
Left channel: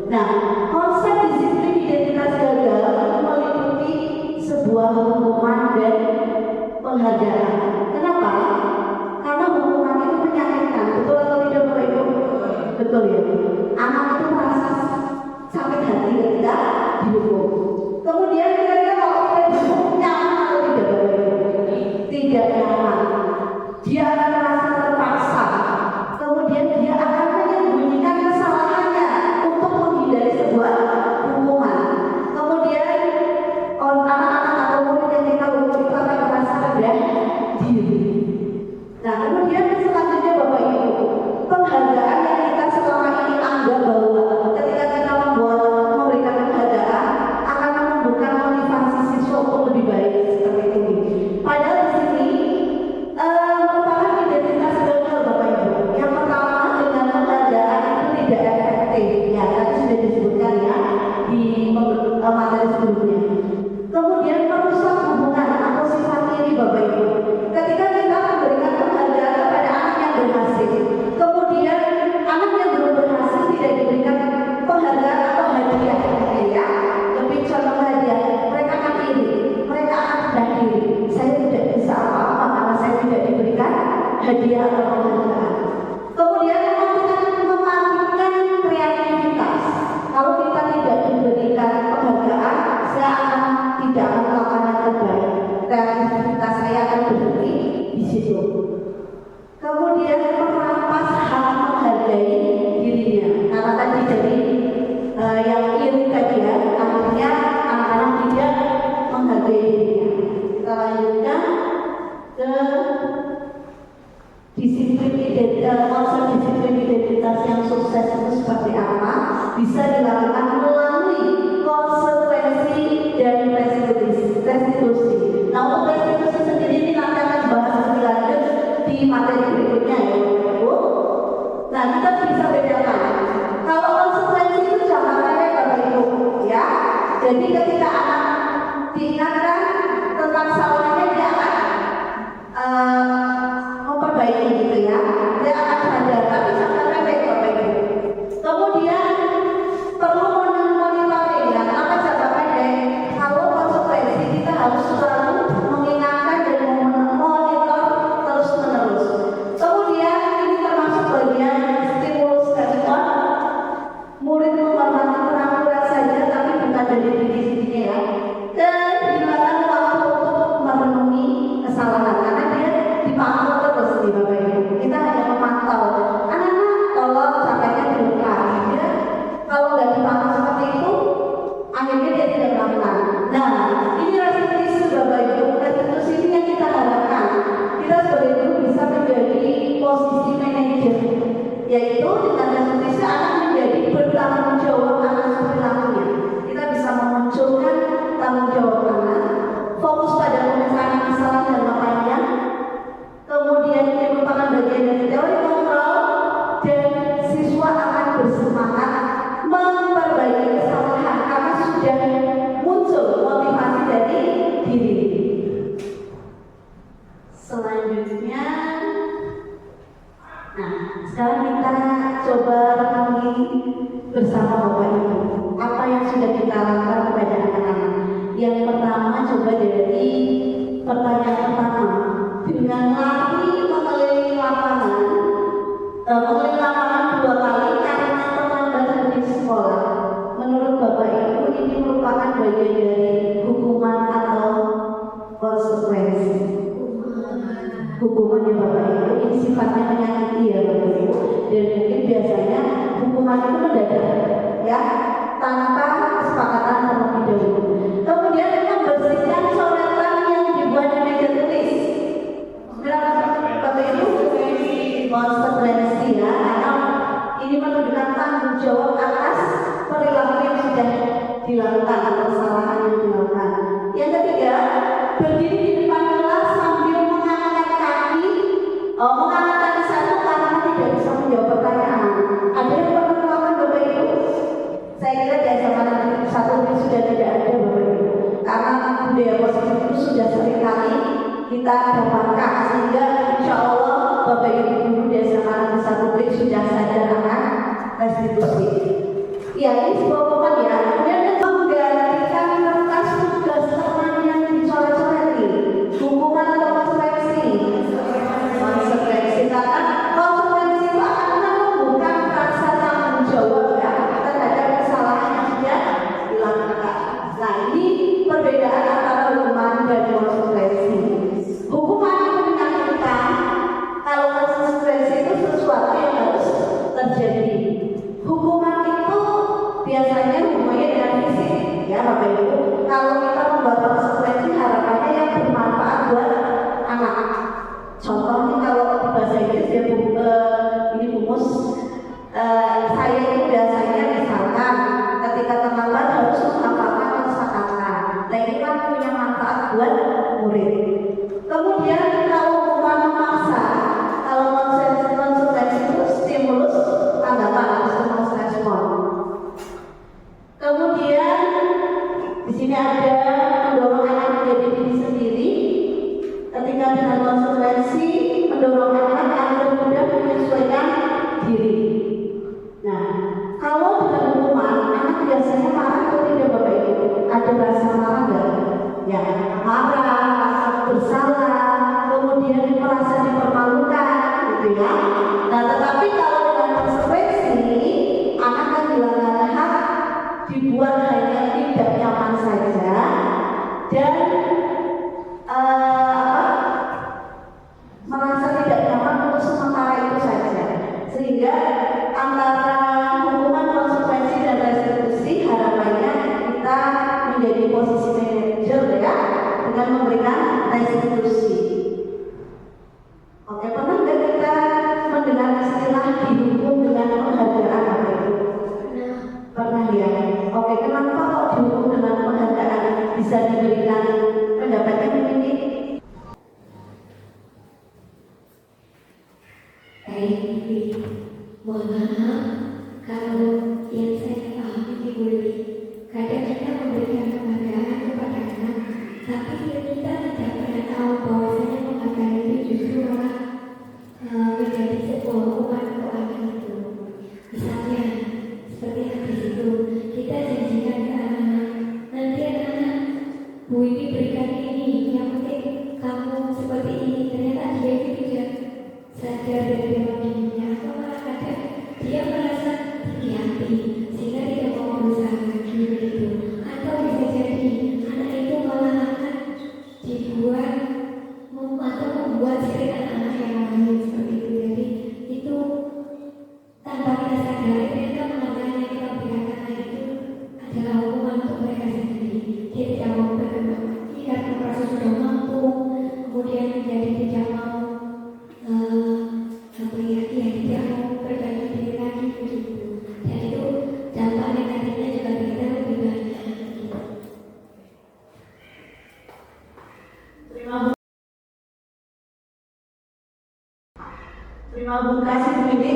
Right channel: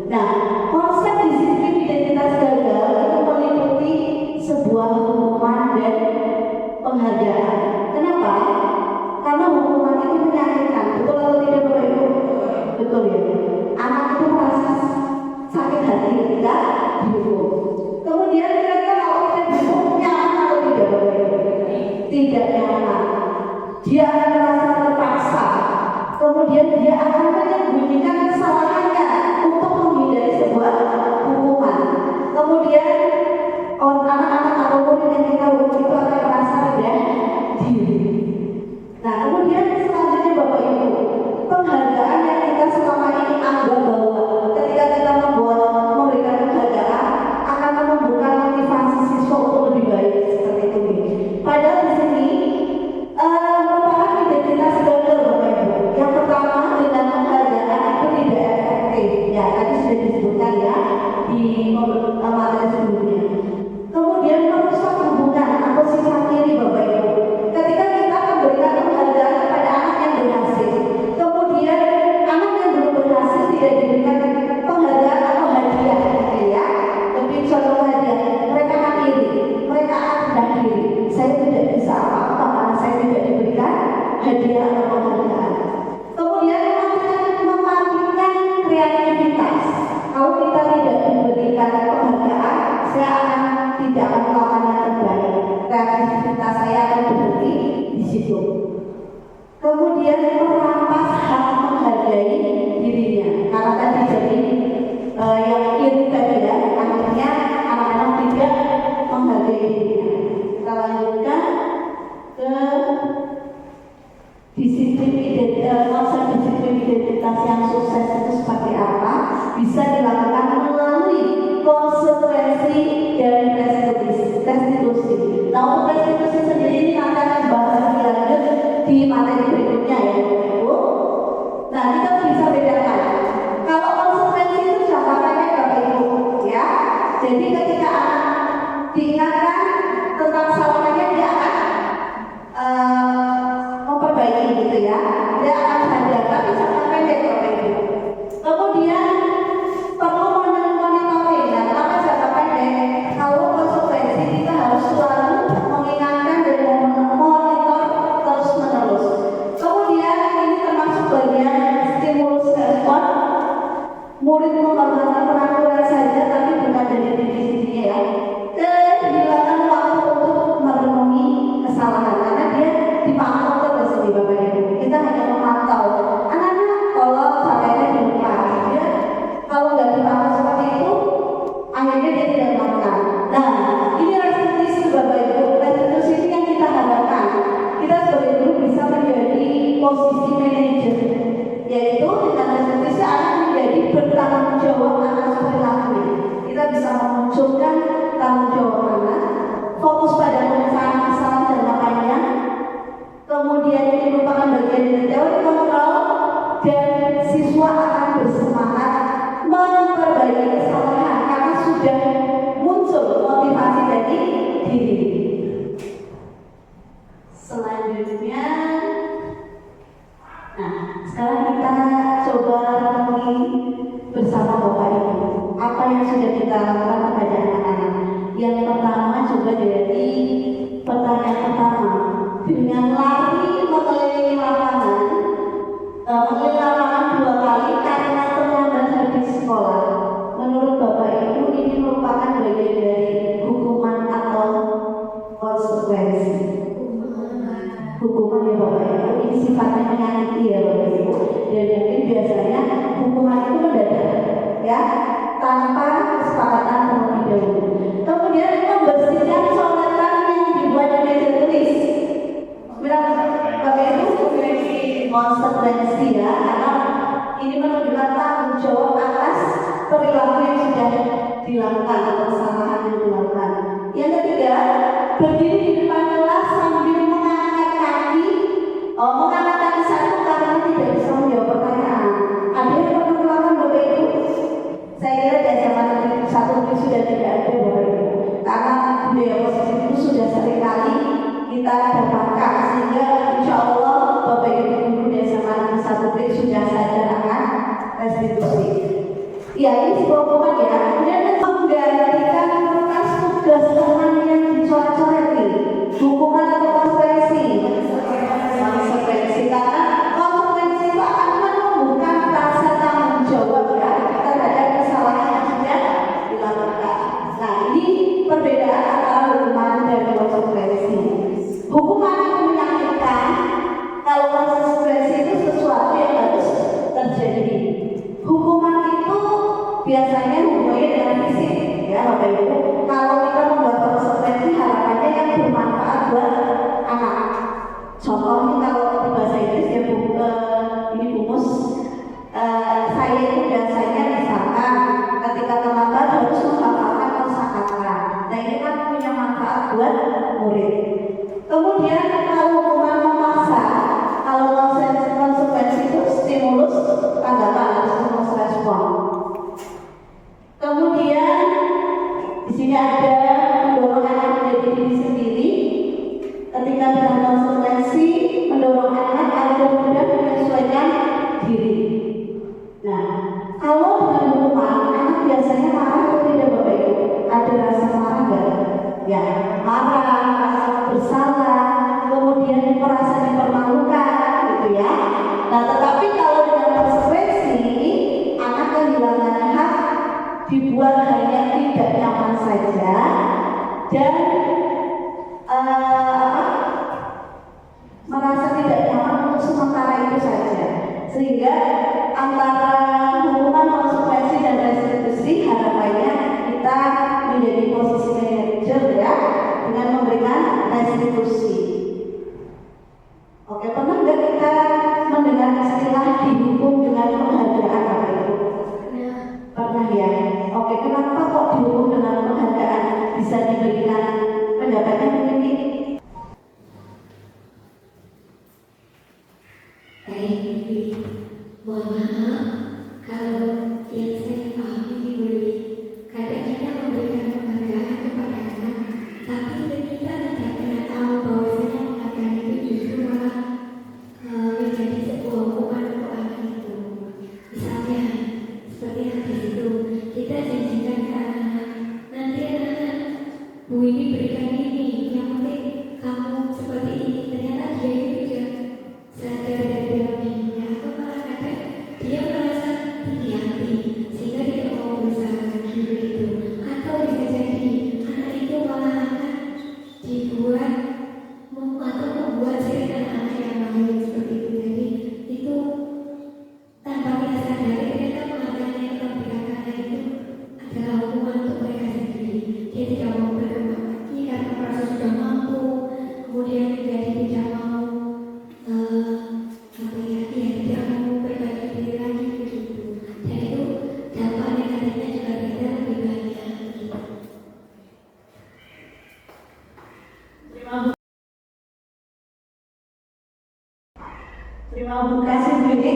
Nah, konsep disiplin identitas gagal itu meliputi sebuah hukuman dan penghargaan. Kenapa? Karena hukuman itu menyakitkan, betul atau tidak, Bapak Ibu? Betul ya. Anak itu merasa sakit hati ketika dihukum. Kemudian kira-kira kalau kita dihukum nyaman atau tidak, Bapak Ibu? Tidak nyaman. Dia akan merasa terpaksa. Kemudian dia akan menyembunyikan kesalahannya untuk menghindari sebuah hukuman. Kemudian anak-anak atau murid yang kita hukum itu akan merasa rendah diri. Nah, kemudian selanjutnya, Bapak Ibu, penghargaan yang kita selama ini anggap bahwa ketika kita memberikan penghargaan akan menumbuhkan motivasi siswa untuk lebih baik, seperti itu. Padahal di sini merupakan identitas gagal, Bapak Ibu. Yang pertama, dengan penghargaan itu tidak efektif. Ya, tadi sudah disebutkan ya di materi sebelumnya. Kemudian merusak hubungan atau sifat iri, Bapak Ibu. Ketika kita memberikan penghargaan kepada anak yang berhasil, kemudian anak yang belum berhasil tidak diberikan penghargaan atau hadiah, ya, lebih condong hadiah, mereka akan iri, mereka akan rendah diri. Saya tidak bisa apa-apa karena saya tidak diberikan hadiah atau penghargaan. Kemudian mematikan kreativitas. Kalau kita tidak diberikan penghargaan, saya tidak akan melakukan yang terbaik. Kreativitas saya akan berhenti di situ. Kemudian merampas hak menghargai dirinya, karena tadi jadi yang iri tadi ya, akhirnya anak-anak tidak menghargai dirinya. Kita lanjutkan ke disiplin identitas. Konsep disiplin identitas yang sukses itu seperti apa? Bisa dilakukan melalui konsekuensi dan restitusi. Nah, untuk restitusi sendiri ini nanti akan dibahas lebih lanjut di materi berikutnya ya, Ibu. Nah, kita bisa bedakan. Kalau konsekuensi itu jangka pendek, Bapak Ibu, ya. Jadi ketika anak diingatkan tentang kesalahannya, dia akan memperbaiki gitu ya. Dia akan sadar, tapi jangka pendek, Bapak Ibu. Kemudian perlu menghormati peraturan saja, tapi bukan dari diri sendiri ya. Kehilangan waktu untuk merenungi kesalahan karena dia dipantau terus di Bapak Ibu. Kita hanya memantau. Anak-anak kalau sampainya dilupa, dia kalau nggak dipantau seperti itu, akhirnya dia tidak melakukan. Nah, ini restitusi Bapak Ibu. Restitusi ini yang kita harapkan. Kita sebagai guru bisa menjadi posisi manajer, yaitu dengan restitusi anak menjadi bertanggung jawab atas perilakunya. Kita bisa memunculkan tanggung jawab anak, fokus pada penyelesaian masalah dan makanya. Kemudian ini merupakan bagian dari teori kontrol dan siswa akan bersemangat memperbaiki kesalahan karena sudah muncul motivasi dari diri. Selanjutnya, nah sekarang kita coba renungi bersama Bapak Ibu apa yang sudah kita lakukan kepada anak-anak. Yang pertama coba dari pertanyaan pertama, dengan lari mengelilingi lapangan, mengelilingi lapangan 2 kali karena terlambat habis sekolah. Menurut Bapak Ibu ini merupakan bagian dari hukuman atau konsekuensi? Hukuman ya Bapak Ibu, ini sifatnya menyakiti ya Bapak Ibu. Dan mungkin biasanya hukuman itu mendadak ya, tanpa kesepakatan terlebih dahulu. Kemudian membersihkan coretan yang dibuat di meja tulis. Berapa Bapak Ibu? Konsekuensi ya, karena ini menunjukkan tanggung jawab atas perilaku yang sudah dilakukan atau kesalahan yang dilakukan. Yang ketiga, berdiri di depan kelas sambil mengangkat kaki satu karena tidak bisa menjawab pertanyaan. Ada yang pernah melakukan Bapak Ibu? Saya kira di SMA Negeri 1 ini sudah tidak ada Bapak Ibu, karena budaya positif itu sudah sering kali kita dapatkan, sehingga insya Allah Bapak Ibu guru di SMA Negeri 1 ini sudah sadar akan restitusi. Ya ini sebuah hukuman ya. Kemudian menggantikan kertas tugas teman yang dicoret-coreti. Hukuman atau konsekuensi? Konsekuensi, karena konsekuensi itu akan menumbuhkan rasa tanggung jawab ya terhadap kesalahan yang sudah dilakukan. Nah ini perbedaan antara hukuman dan konsekuensi. Hukuman itu menyakitkan, kalau konsekuensi itu sesuatu yang harus terjadi. Hukuman itu biasanya hubungannya dengan fisik ya Bapak Ibu. Kalau kita membuat konsekuensi harapannya yang bermanfaat buat anak. Contohnya kalau di bahasa Inggris ya ini bumus, saya itu biasanya misalkan ketika terlambat harus menghafalkan kosakata. Nah ini kan punya manfaat buat murid. Kemudian kalau hukuman memaksa, kalau konsekuensi itu stimulus tanggapan atau stimulus respon. Kemudian di sini ada mendorong anak menjadi diri sendiri. Ketika dengan konsekuensi mendorong anak agar mudah menyesuaikan diri. Nah, kalau dengan hukuman anak biasanya marah atau tidak Bapak Ibu? Ada rasa marah nggak? Ya, marah, rasa bersalah, kemudian merasa dipermalukan, gitu ya. Nah, tetapi kalau dengan konsekuensi anak kehilangan hak, dibuat hanya tidak nyaman saja dan merasa tidak nyaman untuk sementara itu saja, sehingga antara hukuman, konsekuensi dan restitusi harapannya kita menjadi posisi manajer ya dengan memberikan restitusi. Oke, pernah nggak kita mendengar istilah dihukum dengan penghargaan Bapak Ibu? Pernah ya. Oke, kenapa kok dihukum dengan penghargaan? Bisa diberikan pendapatnya mungkin? Baik, mohon maaf kalau yang saya pahami Ibu Lili, kadang-kadang memberikan penghargaan kepada anak, tapi kita tidak pernah tahu bahwasanya penghargaan itu justru malah menjadi sebuah hukuman untuk anak itu. Misalnya seperti yang di situ kita janjikan ke anak-anak, nanti anak-anak Bu ini berikan ini, yang penting kamu seperti ini. Ternyata dia itu tidak sadar dari perilakunya, atau malah kadang dia merasa Terima kasih Bu Didi,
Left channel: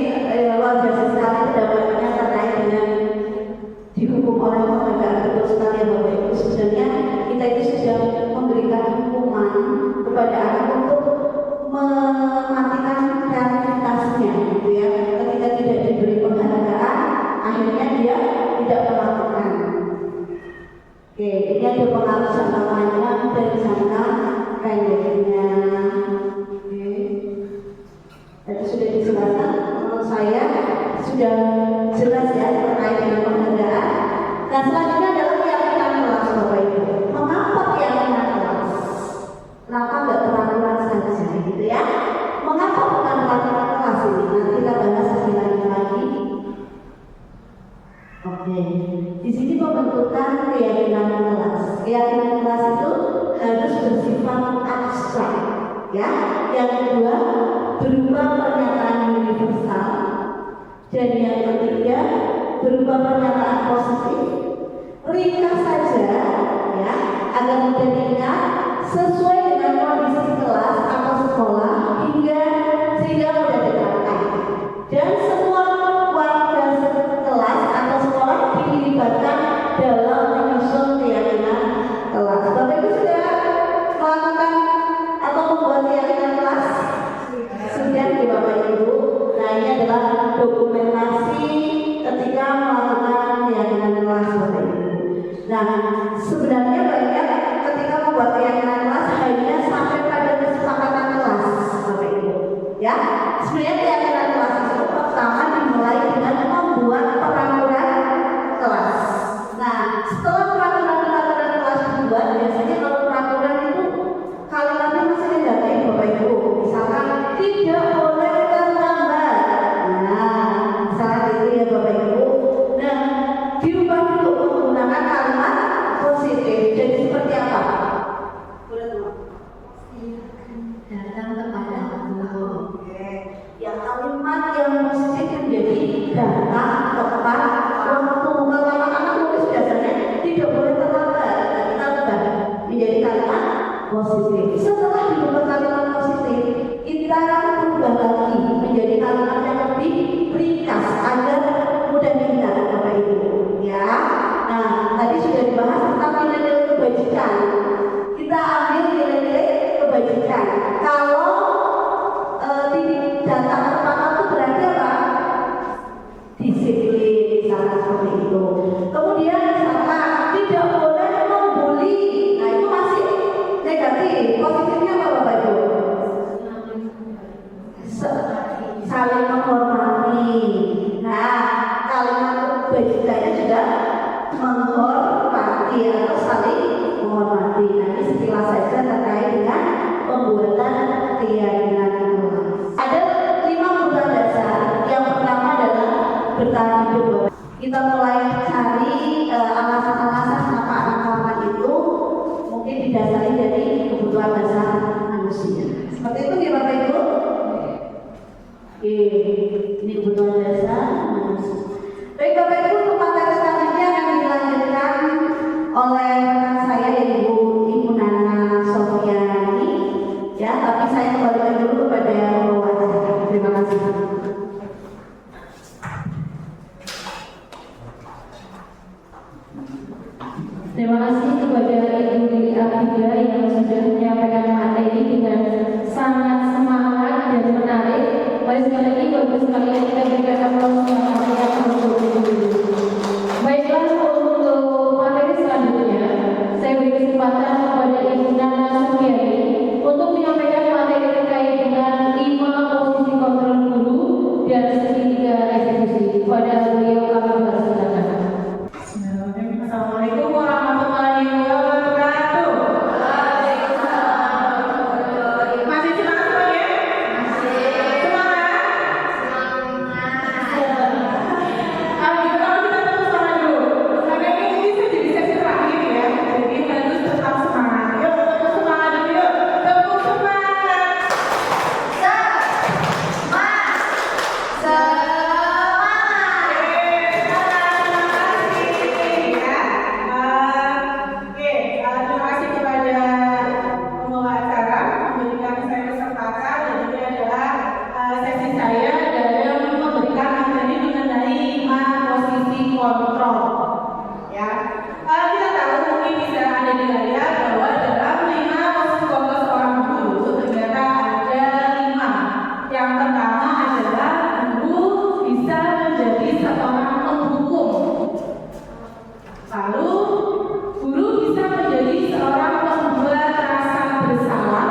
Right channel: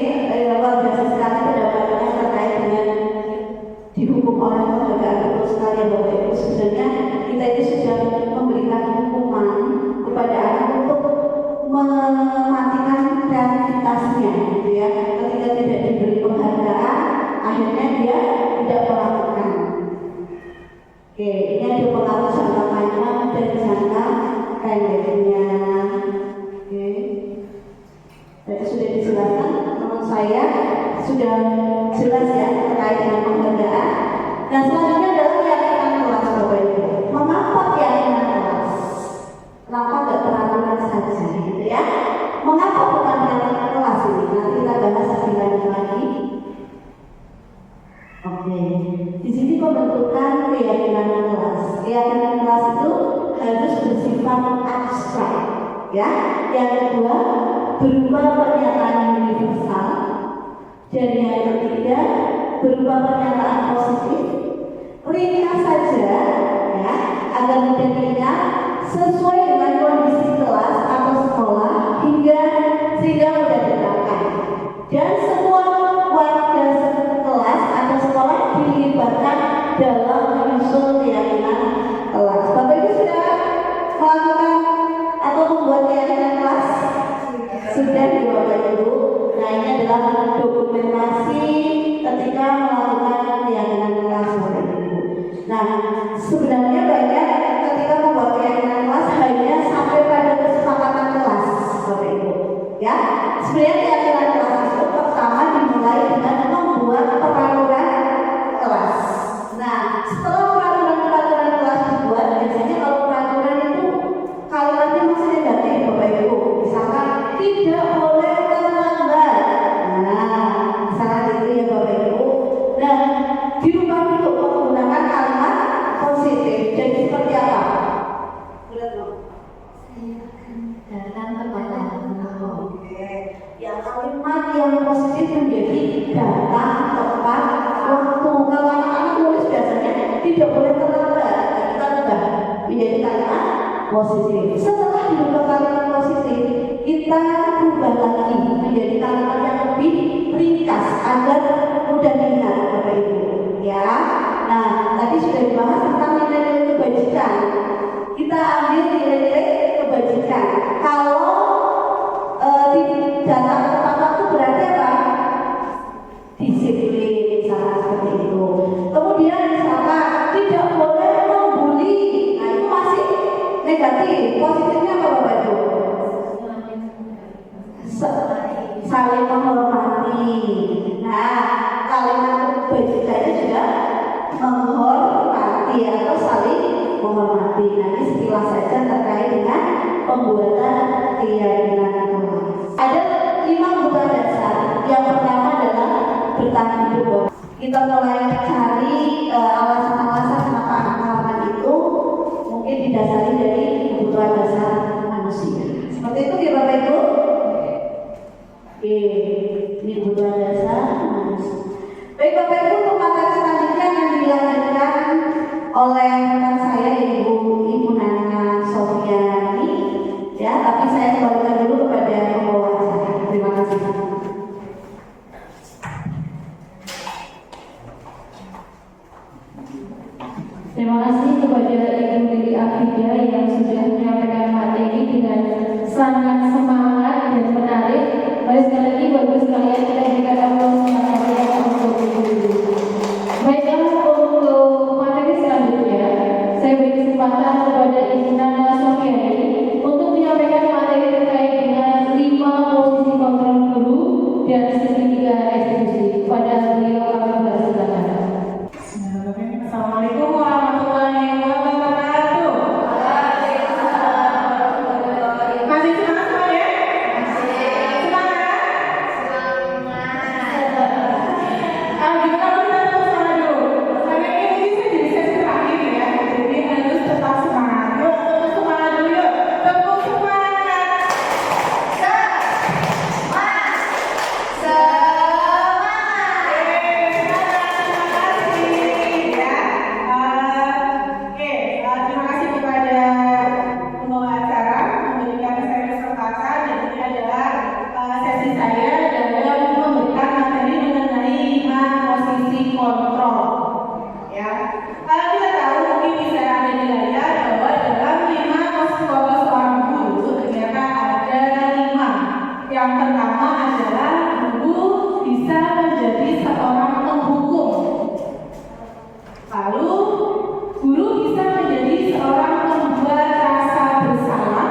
luar biasa sekali pendapatnya terkait dengan dihukum oleh penghargaan. Betul sekali ya Bapak Ibu. Sebenarnya kita itu sudah memberikan hukuman kepada anak untuk mematikan kreativitasnya, gitu ya. Ketika tidak diberi penghargaan, akhirnya dia tidak melakukan. Oke, ini ada pengaruh jangka panjang dan jangka pendeknya. Oke, tadi sudah dijelaskan. Menurut saya sudah jelas ya terkait dengan penghargaan. Dan selanjutnya adalah keyakinan kelas Bapak Ibu. Mengapa keyakinan kelas? Kenapa nggak peraturan saja, gitu ya? Mengapa bukan keyakinan kelas ini? Nanti kita bahas lebih lanjut lagi. Oke, di sini pembentukan keyakinan kelas. Keyakinan kelas itu harus bersifat abstrak, ya. Yang kedua berupa pernyataan universal, dan yang ketiga berupa pernyataan positif. Ringkas saja, ya, agar mudah diingat, sesuai dengan kondisi kelas atau sekolah sehingga mudah diterapkan. Dan semua warga kelas atau sekolah dilibatkan dalam menyusun keyakinan kelas. Bapak Ibu sudah melakukan atau membuat keyakinan kelas? Sudah di Bapak Ibu. Nah, ini adalah dokumentasi ketika melakukan keyakinan kelas Bapak Ibu. Nah, sebenarnya banyak ketika membuat keyakinan kelas hanya sampai pada kesepakatan kelas Bapak Ibu. Ya, sebenarnya keyakinan kelas itu pertama dimulai dengan membuat peraturan kelas. Nah, setelah peraturan kelas dibuat, biasanya kalau peraturan itu kalimatnya masih negatif Bapak Ibu. Misalkan tidak boleh terlambat. Nah, misalnya gitu ya Bapak Ibu. Nah, diubah dulu menggunakan kalimat positif. Jadi seperti apa? Datang kepada Allah. Ya, kalimat yang positif menjadi datang tepat waktu. Kalau anak-anak nulis biasanya tidak boleh terlambat. Kita sudah menjadi kalimat positif. Setelah diubah kalimat positif, kita ubah lagi menjadi kalimat yang lebih ringkas agar mudah diingat Bapak Ibu. Ya, nah tadi sudah dibahas tentang nilai-nilai kebajikan. Kita ambil nilai-nilai kebajikan. Kalau datang tepat waktu berarti apa? Disiplin, misalnya seperti itu. Kemudian misalkan tidak boleh membuli. Nah itu masih negatif. Positifnya apa Bapak Ibu? Saling menghormati. Nah, kalimat kebajikannya juga menghormati atau saling menghormati. Nanti sekilas saja terkait dengan pembuatan keyakinan kelas. Ada 5 kebutuhan dasar. Yang pertama adalah bertahan hidup. Kita mulai cari alasan-alasan kenapa anak halaman itu mungkin didasari dari kebutuhan dasar manusia. Seperti itu ya Bapak Ibu. Oke, ini kebutuhan dasar manusia. Baik Bapak Ibu, untuk materi selanjutnya akan dilanjutkan oleh rekan saya Ibu Nana Sofiani. Ya, tapi saya kembalikan dulu kepada pembawa acara. Terima kasih. Terima kasih kepada Ibu Lili Afida yang sudah menyampaikan materi dengan sangat semangat dan menarik. Baik, sekali lagi Bapak sekalian kita berikan aplaus untuk Ibu Lili. Baiklah, untuk materi selanjutnya saya beri kesempatan kepada Ibu Nana Sofiani untuk menyampaikan materi terkait dengan 5 posisi kontrol guru dan segitiga eksekusi. Pada beliau kami persilakan. Assalamualaikum warahmatullahi Kita tahu mungkin bisa ada di layar bahwa dalam 5 psikologi seorang guru ternyata ada 5. Yang pertama adalah guru bisa menjadi seorang penghukum. Lalu guru bisa menjadi seorang pembuat rasa bersalah.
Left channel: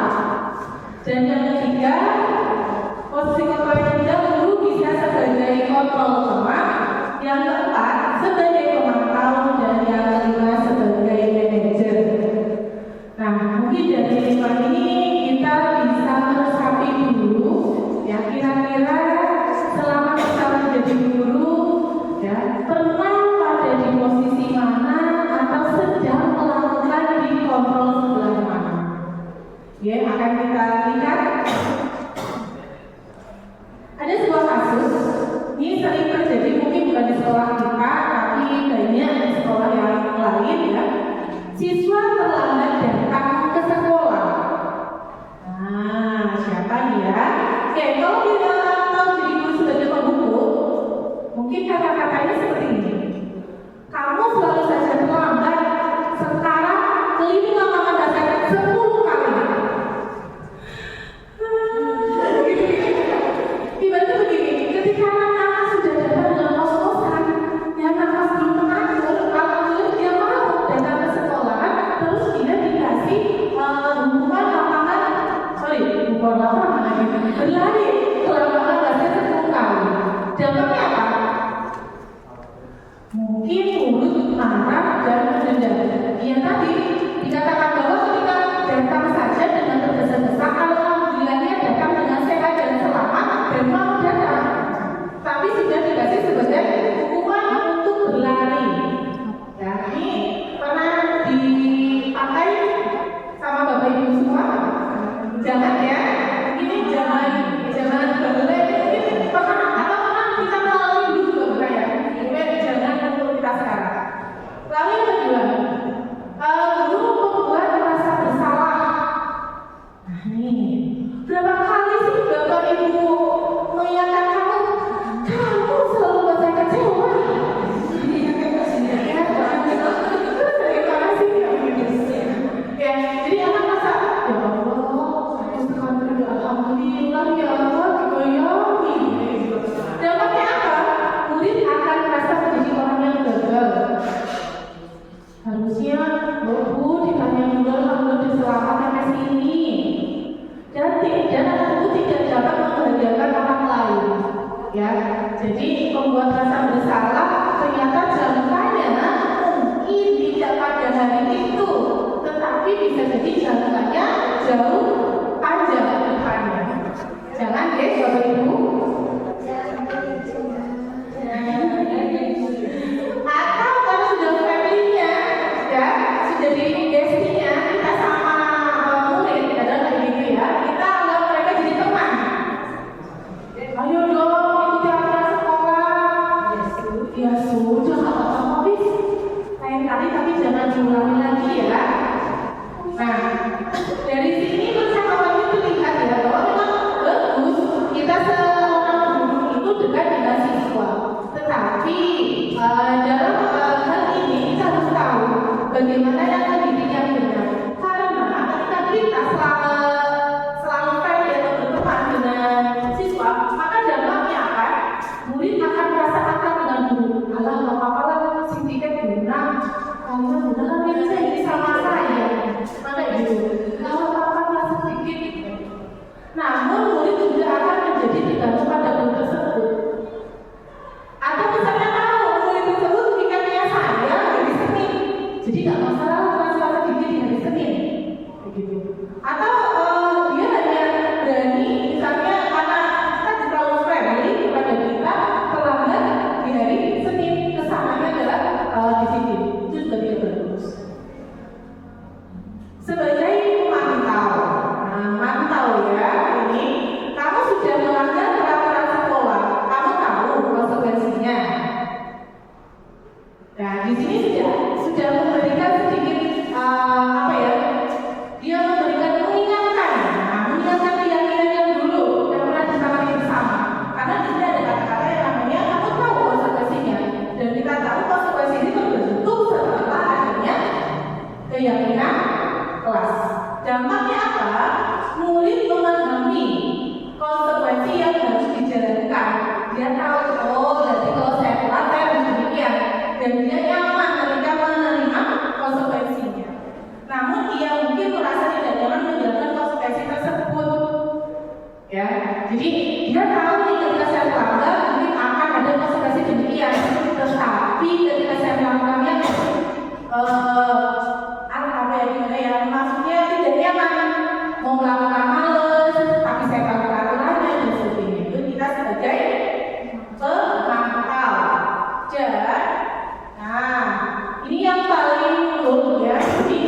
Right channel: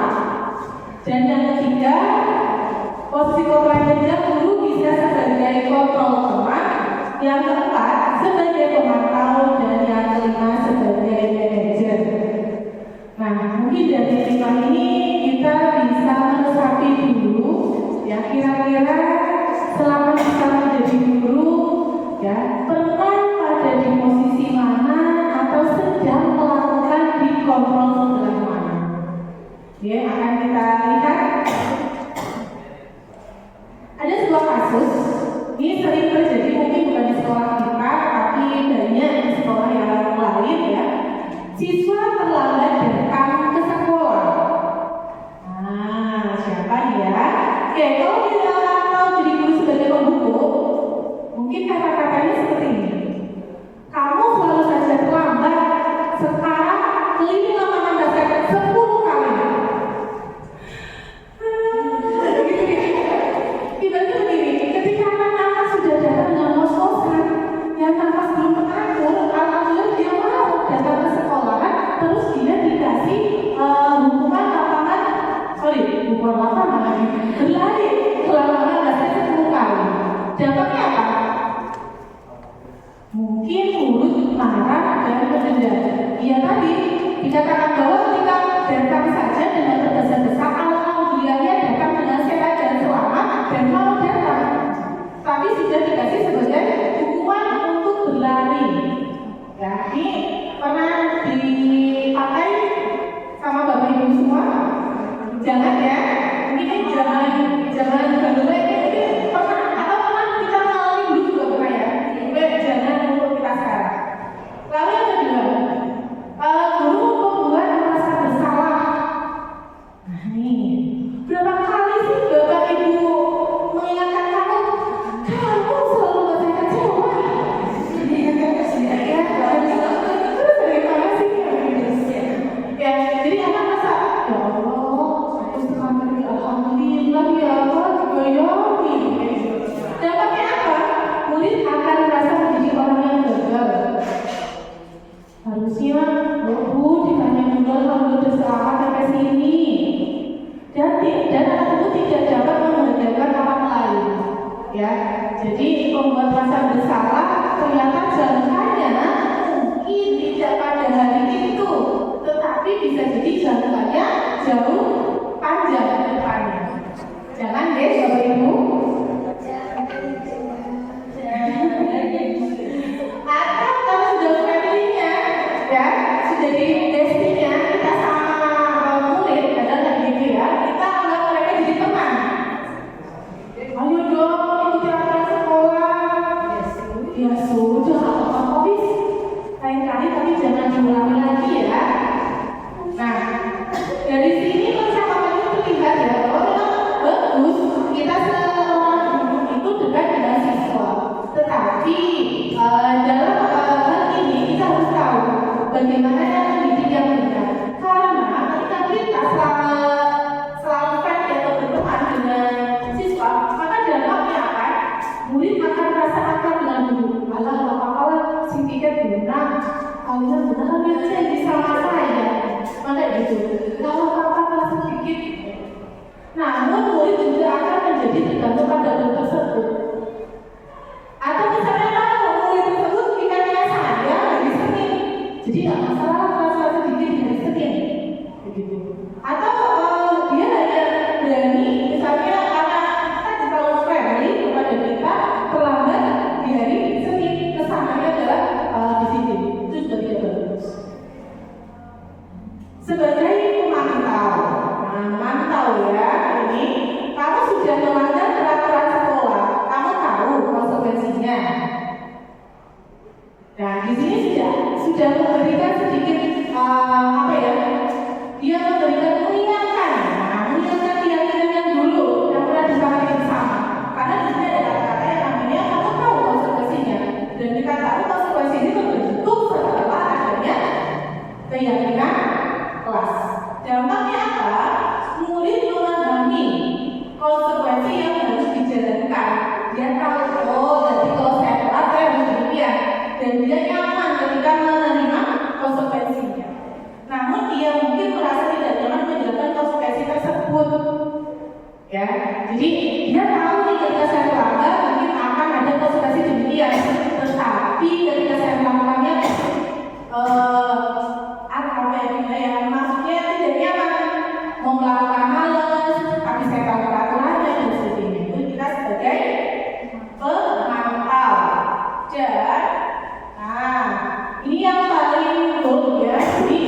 Dan yang ketiga, psikologi guru bisa sebagai kontrol teman. Yang keempat sebagai pemantau, dan yang kelima sebagai manajer. Nah, mungkin dari 5 ini kita bisa meresapi dulu ya, kira-kira selama kita menjadi guru ya, pernah pada di posisi mana atau sedang melakukan di kontrol sebelah mana. Ya, akan kita lihat ada sebuah kasus. Ini sering terjadi, mungkin bukan di sekolah kita, tapi banyak di sekolah yang lain ya. Siswa terlambat datang ke sekolah. Nah, siapa ya? Oke, kalau kita mau jadi guru sebagai penghukum, mungkin kata-katanya seperti ini. Kamu selalu saja terlambat. Sekarang keliling lapangan basket 10 kali. Tiba-tiba begini, ketika anak-anak sudah datang dengan kos-kosan, yang nafas belum mengatur, alhamdulillah dia mau datang ke sekolah, terus dia dikasih hukuman lapangan, bukan lapangan lagi, berlari ke lapangan basket 10 kali. Dampaknya apa? Mungkin mulut marah dan mendendam. Iya tadi dikatakan bahwa ketika datang saja dengan tergesa-gesa, alhamdulillahnya datang dengan sehat dan selamat dan mau datang, tapi sudah dikasih sebagai hukuman untuk berlari. Ya, ini pernah dipakai sama Bapak Ibu semua? Jangan ya, ini jangan bagaimana ini mungkin pernah atau pernah kita melalui dulu juga pernah ya. Ini jangan untuk kita sekarang. Lalu yang kedua, guru membuat merasa bersalah. Nah nih, berapa kali sih Bapak Ibu mengingatkan kamu selalu buat saya kecewa. Ya, terus bagaimana sih? Ya, jadi anak merasa, ya Allah, aku sekarang alhamdulillah ya Allah, dibayarin. Dampaknya apa? Murid akan merasa menjadi orang yang gagal. Harusnya Bu ditanya dulu kalau udah selamat sampai sini. Dan anak itu tidak dapat membahagiakan orang lain. Ya, jadi membuat rasa bersalah ternyata jangkanya mungkin tidak pada hari itu, tetapi bisa jadi jangkanya jauh panjang ke depannya. Jangan ya, Bapak Ibu. Atau kalau sudah family-nya, ya, sudah di destinya, kita sama murid, adalah gitu ya, kita anggap mereka jadi teman. Ayo dong, ikuti aturan sekolah. Ya sudah, apa-apa bis. Lain kali tapi jangan diulangi lagi ya. Nah, dari sini percakapannya terlihat ya bahwa memang bagus kita seorang guru itu dekat dengan siswa. Tetapi dalam hal ini kita harus tahu bagaimana yang mendidik yang benar. Karena ketika kita selalu friendly atau berteman dengan siswa, maka dampaknya apa? Murid akan merasa akrab dengan guru. Alah, apa-apa lah, si tiket guna. Kalian benar itu saya bisa sama saya. Maka gitu. Kalau apa-apa lah sedikit. Namun murid juga akan menjadi tergantung pada guru tersebut. Atau misalnya kalau murid tersebut pikirnya saya hari Senin, jadi nggak masalah kalau sedikit di hari Senin. Begitu. Atau dia hanya berani, misalnya anak kita terlalu friendly kepada kita, terlambat di hari Senin, kesananya adalah disiplin. Itu juga tidak bagus. Sebagai pemantau, mantau ya, ini kamu sudah melanggar peraturan sekolah, kamu tahu konsekuensinya. Nah, di sini sudah memberikan sedikit apa ya? Dia memberikan mengingatkan yang dulu yang pernah disepakati bersama. Karena di sini ada kata-kata yang namanya kamu tahu konsekuensinya, dan kita tahu konsekuensi itu berbentuk setelah mungkin merasa tidak nyaman menjalankan konsekuensi tersebut. Ya, jadi dia tahu nih ketika saya melanggar mungkin akan ada konsekuensi demikian, tetapi ketika saya melakukannya maksudnya tidak nyaman, mau melakukan males, tapi saya tahu aturannya dan sebagainya. Itu kita sebagai pemantau. Dan, nah ini yang paling umum ya. Jadi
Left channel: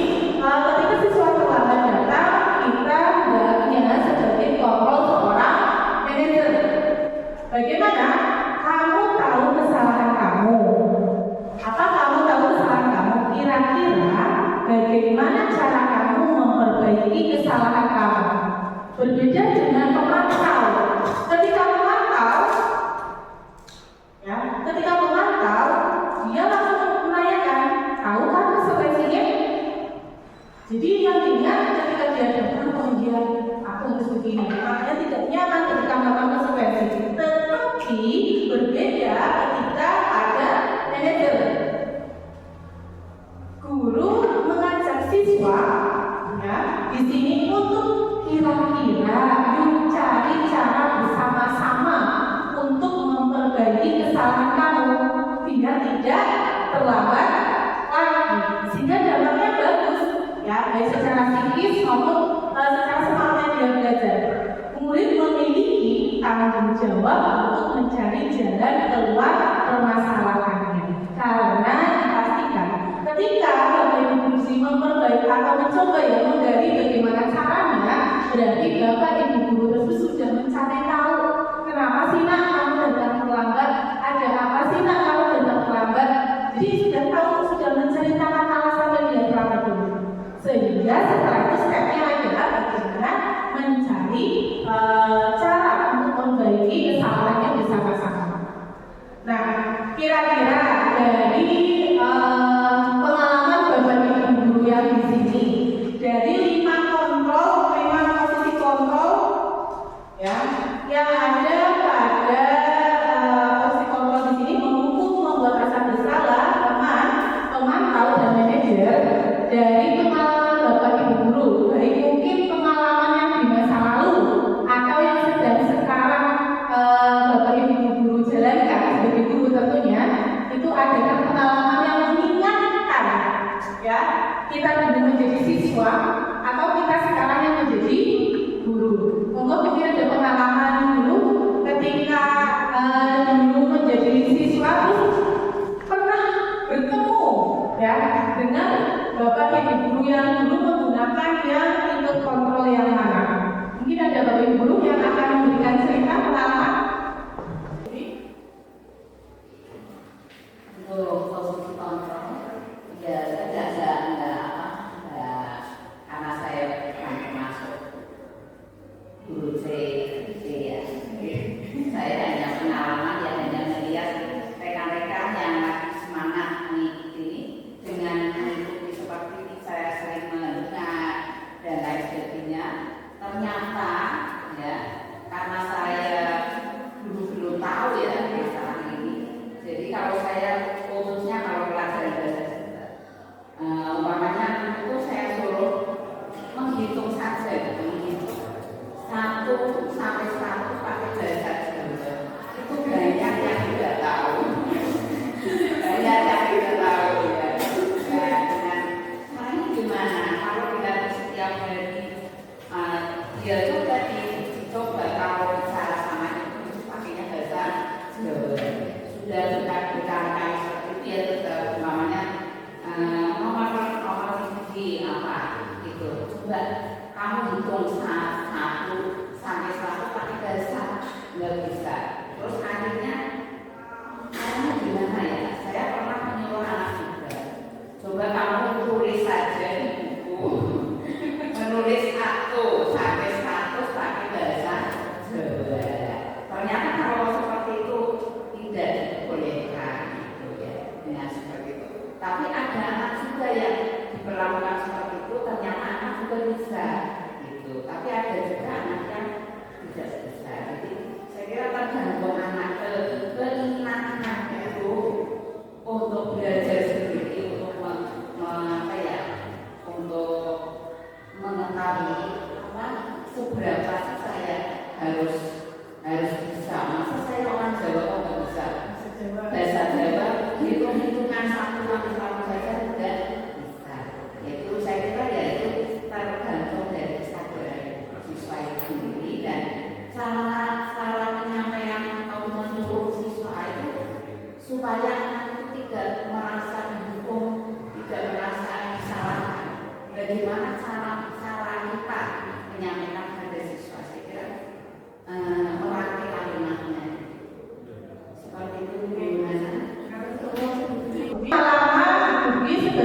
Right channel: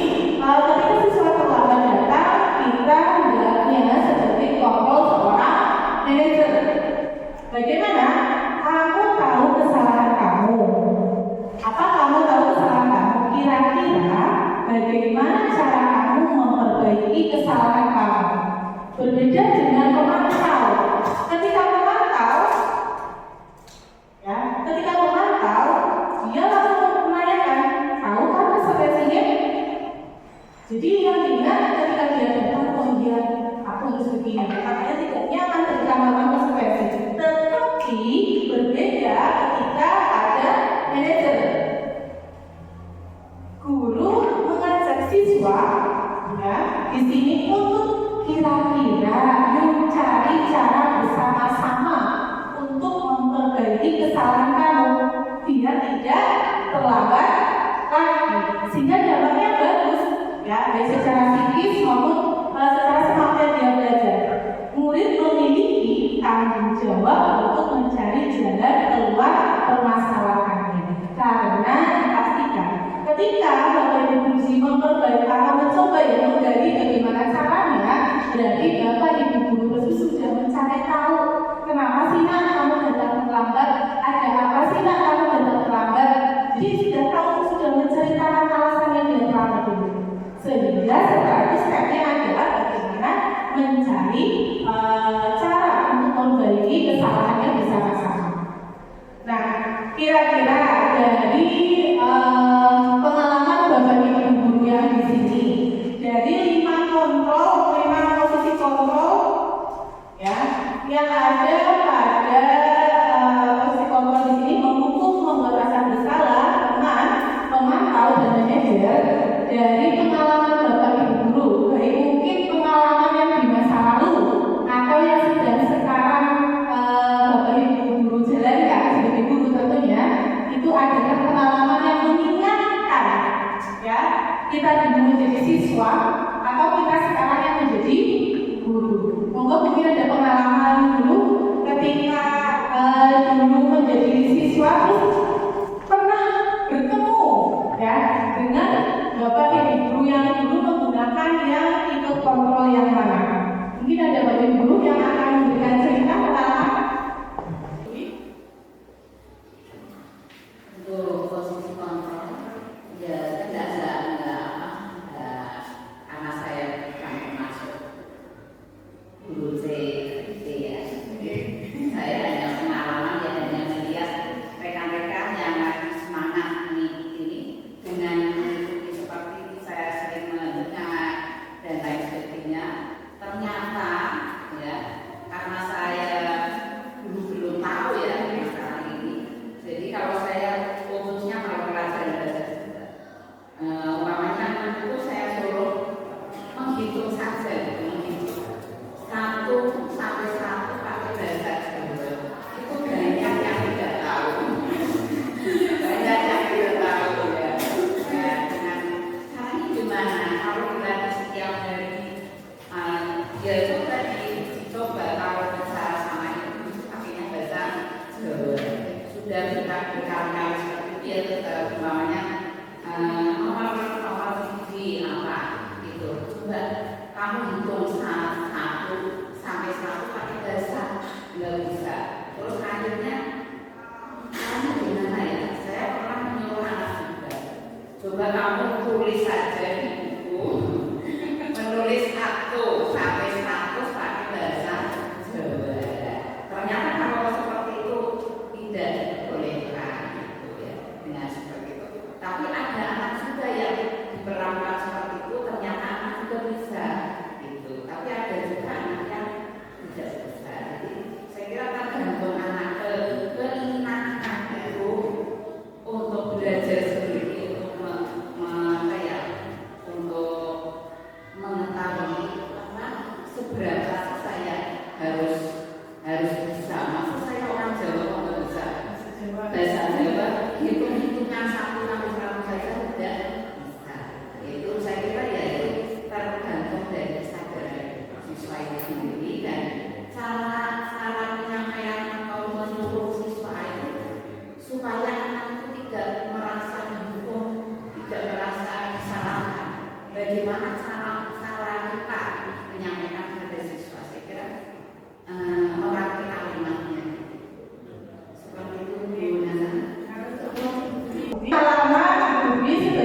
ketika siswa terlambat datang, kita hendaknya sebagai kontrol seorang manajer. Bagaimana? Kamu tahu kesalahan kamu. Apa kamu tahu kesalahan kamu? Kira-kira bagaimana cara kamu memperbaiki kesalahan kamu? Berbeda dengan pemantau. Ketika pemantau, dia langsung menanyakan, tahu kan konsekuensinya? Jadi yang ingat ketika dia datang, aku harus begini. Makanya tidak nyaman ketika melakukan konsekuensi. Tetapi berbeda ketika ada manajer. Guru mengajak siswa, ya, di sini untuk kira-kira yuk cari cara bersama-sama untuk memperbaiki kesalahan kamu biar tidak terlambat lagi, sehingga dampaknya bagus, ya, baik secara psikis maupun secara semangat dia belajar. Murid memiliki tanggung jawab untuk mencari jalan keluar permasalahannya, karena dipastikan ketika Bapak Ibu guru memperbaiki atau mencoba ya menggali bagaimana caranya, berarti Bapak Ibu guru tersebut sudah mencari tahu kenapa sih nak kamu datang terlambat, ada apa sih nak kamu datang terlambat. Jadi sudah tahu, sudah menceritakan alasan yang dia terlambat dulu. Sehingga setelah itu stepnya adalah bagaimana mencari cara untuk memperbaiki kesalahannya bersama-sama. Nah, kira-kira dari pengalaman Bapak Ibu guru yang di sini, dari 5 posisi kontrol, ya, yang ada pada posisi kontrol di sini menghukum, membuat rasa bersalah, teman, pemantau dan manajer. Dari pengalaman Bapak Ibu guru, baik mungkin pengalaman yang di masa lalu atau yang sedang sekarang Bapak Ibu guru jalankan sebagai guru tentunya, itu adalah pengalaman yang mengingatkan, ya, kita dulu menjadi siswa atau kita sekarang yang menjadi guru. Mungkin ada pengalaman dulu ketika dulu menjadi siswa terus pernah bertemu, ya, dengan Bapak Ibu guru yang dulu menggunakan yang ikut kontrol yang mana. Mungkin ada Bapak Ibu guru yang akan memberikan cerita pengalaman. Untuk posisi kontrol, ya saya tidak karena saya bukan termasuk guru C ya. Saya hanya pengalaman, ya, hanya melihat rekan-rekan yang lagi semangat ini dengan mengikuti seperti saya sering mendengar dan lain sebagainya. Ternyata, ya, karena saya dulu belum tahu ya masalah ini. Jadi kalau saya khususnya kalau pelajaran umpamanya itu saya suruh menghitung saja, menghitung 1 sampai 100 pakai bahasa Jawa. Itu banyak yang tidak tahu, banyak yang tidak tahu, ya. Dan dengan caranya gimana? Kalau kita setiap hari dia coba dicoba kalau bicara sama itu pakainya bahasa Jawa. Sudah kita berkali-kali seperti itu, ya, umpamanya nomor TV apa gitu. Coba kamu hitung 1 sampai 100 pakai bahasa, nggak bisa. Terus akhirnya caranya gimana ya? Saya pernah menyuruh anak juga, coba kamu tulis saja di buku, menulis 1 sampai 100 pakai bahasa Jawa. Ternyata kalau seperti itu tidak dibolehkan, gitu ya, dengan seperti itu. Tapi ada anak juga yang diperlakukan seperti itu, ternyata anak juga bisa, gitu. Tapi ada juga anak yang tidak bisa. Jadi saya kira tergantung anak keminatan itu untuk belajar sendiri, untuk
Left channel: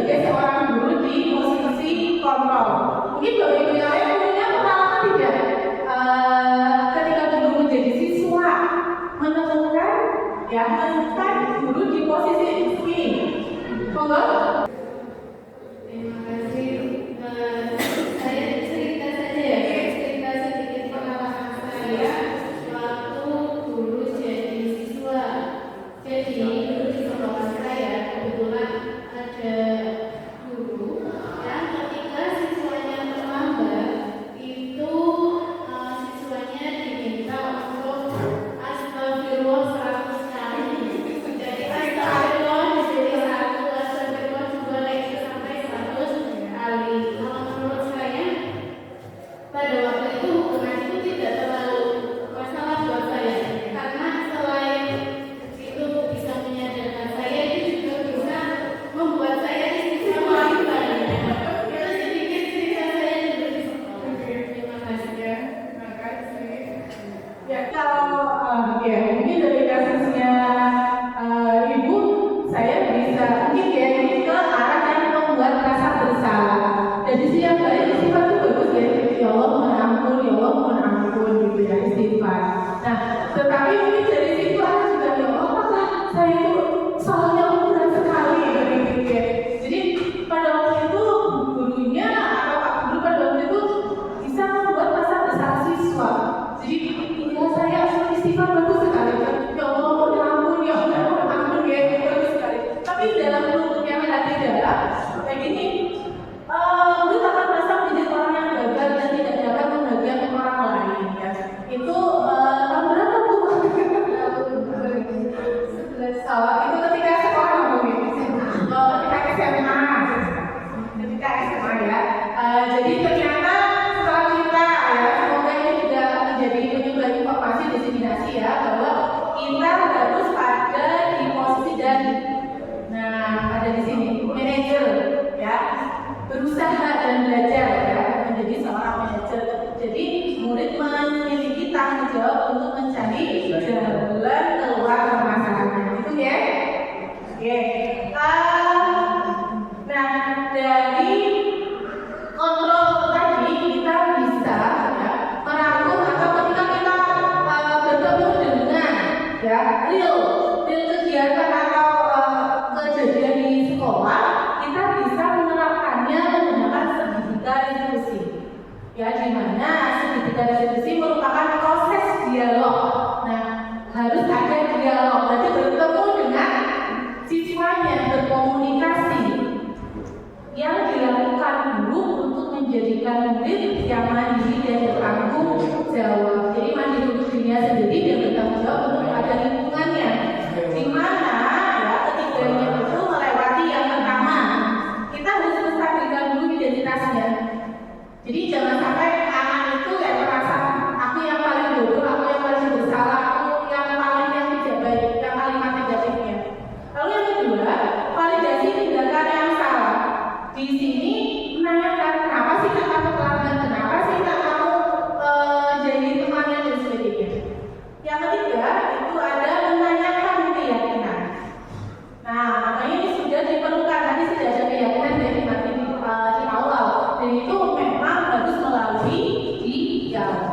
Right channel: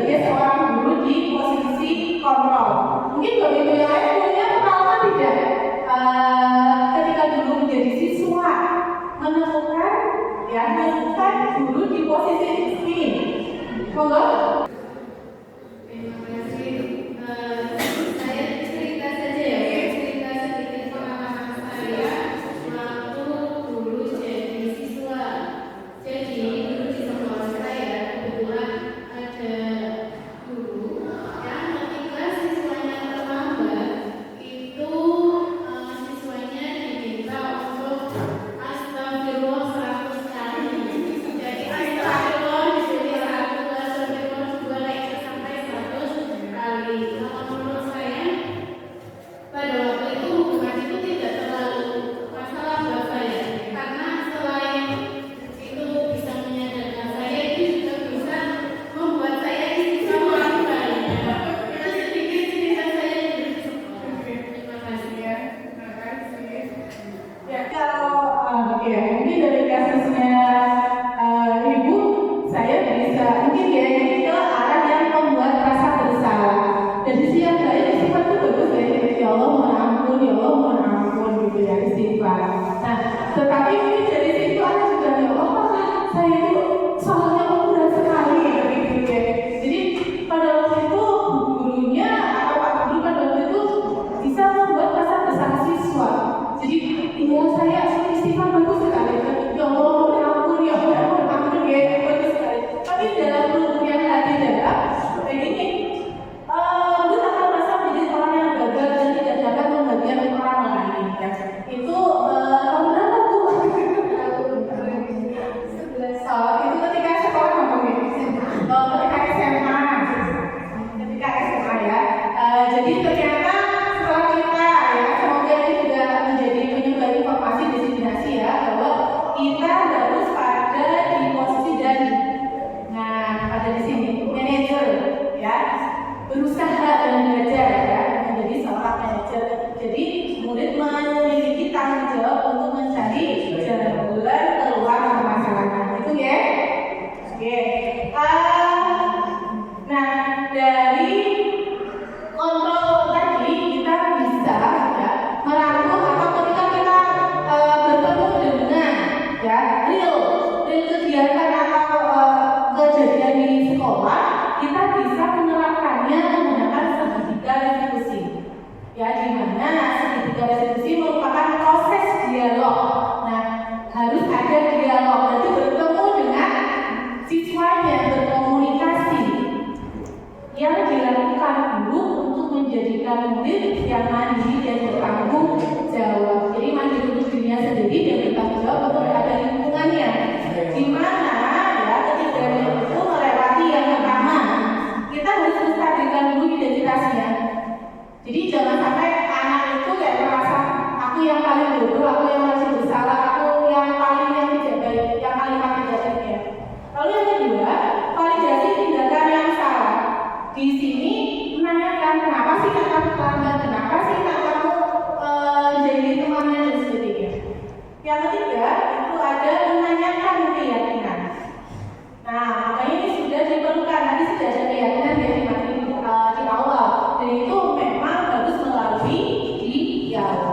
sebagai seorang guru di posisi kontrol. Mungkin Bapak Ibu yang lain punya pengalaman tidak? Ketika dulu menjadi siswa menemukan guru di posisi ini. Monggo. Terima kasih. Saya cerita saja ya, cerita sedikit pengalaman saya waktu dulu jadi siswa. Jadi dulu di sekolah saya kebetulan ada guru yang ketika siswanya terlambat itu siswanya diminta untuk astagfirullah 100 kali. Jadi astagfirullah jadi 1, astagfirullah juga lagi sampai 100 kali. Kalau menurut saya pada waktu itu hukuman itu tidak terlalu masalah buat saya, karena selain itu bisa menyadarkan saya, itu juga bisa membuat saya istiqomah kembali. Itu sedikit cerita saya dulu di sekolah. Terima kasih ya. Terima kasih. Ya, kalau mungkin dari kasusnya Ibu, saya bisa mungkin ya ini ke arah yang membuat rasa bersalah. Dan di sisi yang lain sifat itu bagus ya. Ya Allah mohon ampun, ya Allah mohon ampun gitu ya istighfar. Nah, tetapi mungkin dari situ ada juga ya Allah apakah saya itu salahnya berat sekali begitu ya. Jadi pada waktu itu gurunya atau Pak Guru pada waktu itu bisa membuat rasa bersalah siswa. Jadi iya saya istighfar bagus sekali. Ya Allah mohon ampun, ya Allah mohon ampun ya bagus sekali. Tapi dalam lubuknya hati dalam kayak gini, mungkin akan merasa menjadi orang yang gagal dan tidak dapat membahagiakan orang lain ya. Itu tahun berapa Bu? Salah itu ketika sekolah ngomongin. Ketika SMA. Ketika SMA ya. Jadi ternyata setelah kita ya, semoga ini juga menjadi penyumbang informasi diseminasi ya, bahwa kita harus pada di posisi dan ada di sini manajer ya, berusaha dan belajar ya menjadi seorang manajer. Jadi murid memiliki tanggung jawab untuk mencari jalan keluar permasalahan itu ya. Oke. Nah dari kontrol tadi kita bisa ya merangkum atau ketika kita bertemu dengan ya real kegiatan atau kejadian di sekolah, kita bisa menerapkannya menggunakan segitiga restitusi. Ya, di mana segitiga restitusi merupakan proses dialog. Nah, harus ada dialog. Berarti bertemu dengan siswanya, berkomunikasi. Yang dilakukan guru untuk menjadikan murid yang mandiri dan bertanggung jawab. Jadi mandiri untuk dirinya sendiri dan bertanggung jawab untuk kepada lingkungannya. Di mana ya ketiganya itu melewati yang pertama, kita harus menstabilkan dulu identitasnya. Jadi jangan sampai anak itu kayak merasa aku yang paling bodoh, aku yang paling bersalah, aku yang paling yang tidak baik, yang paling negatifnya. Lalu yang kedua, validasi tindakan yang salah. Di sini menanyakan kenapa sih kamu terlambat, kenapa sih kamu jadi temannya dan sebagainya. Yang ketiga itu ada menanyakan keyakinan. Nah makanya ini sudah diperlukan, nanti sudah ada keyakinan dari materi di awal. Dan itu memang harus melalui dialog.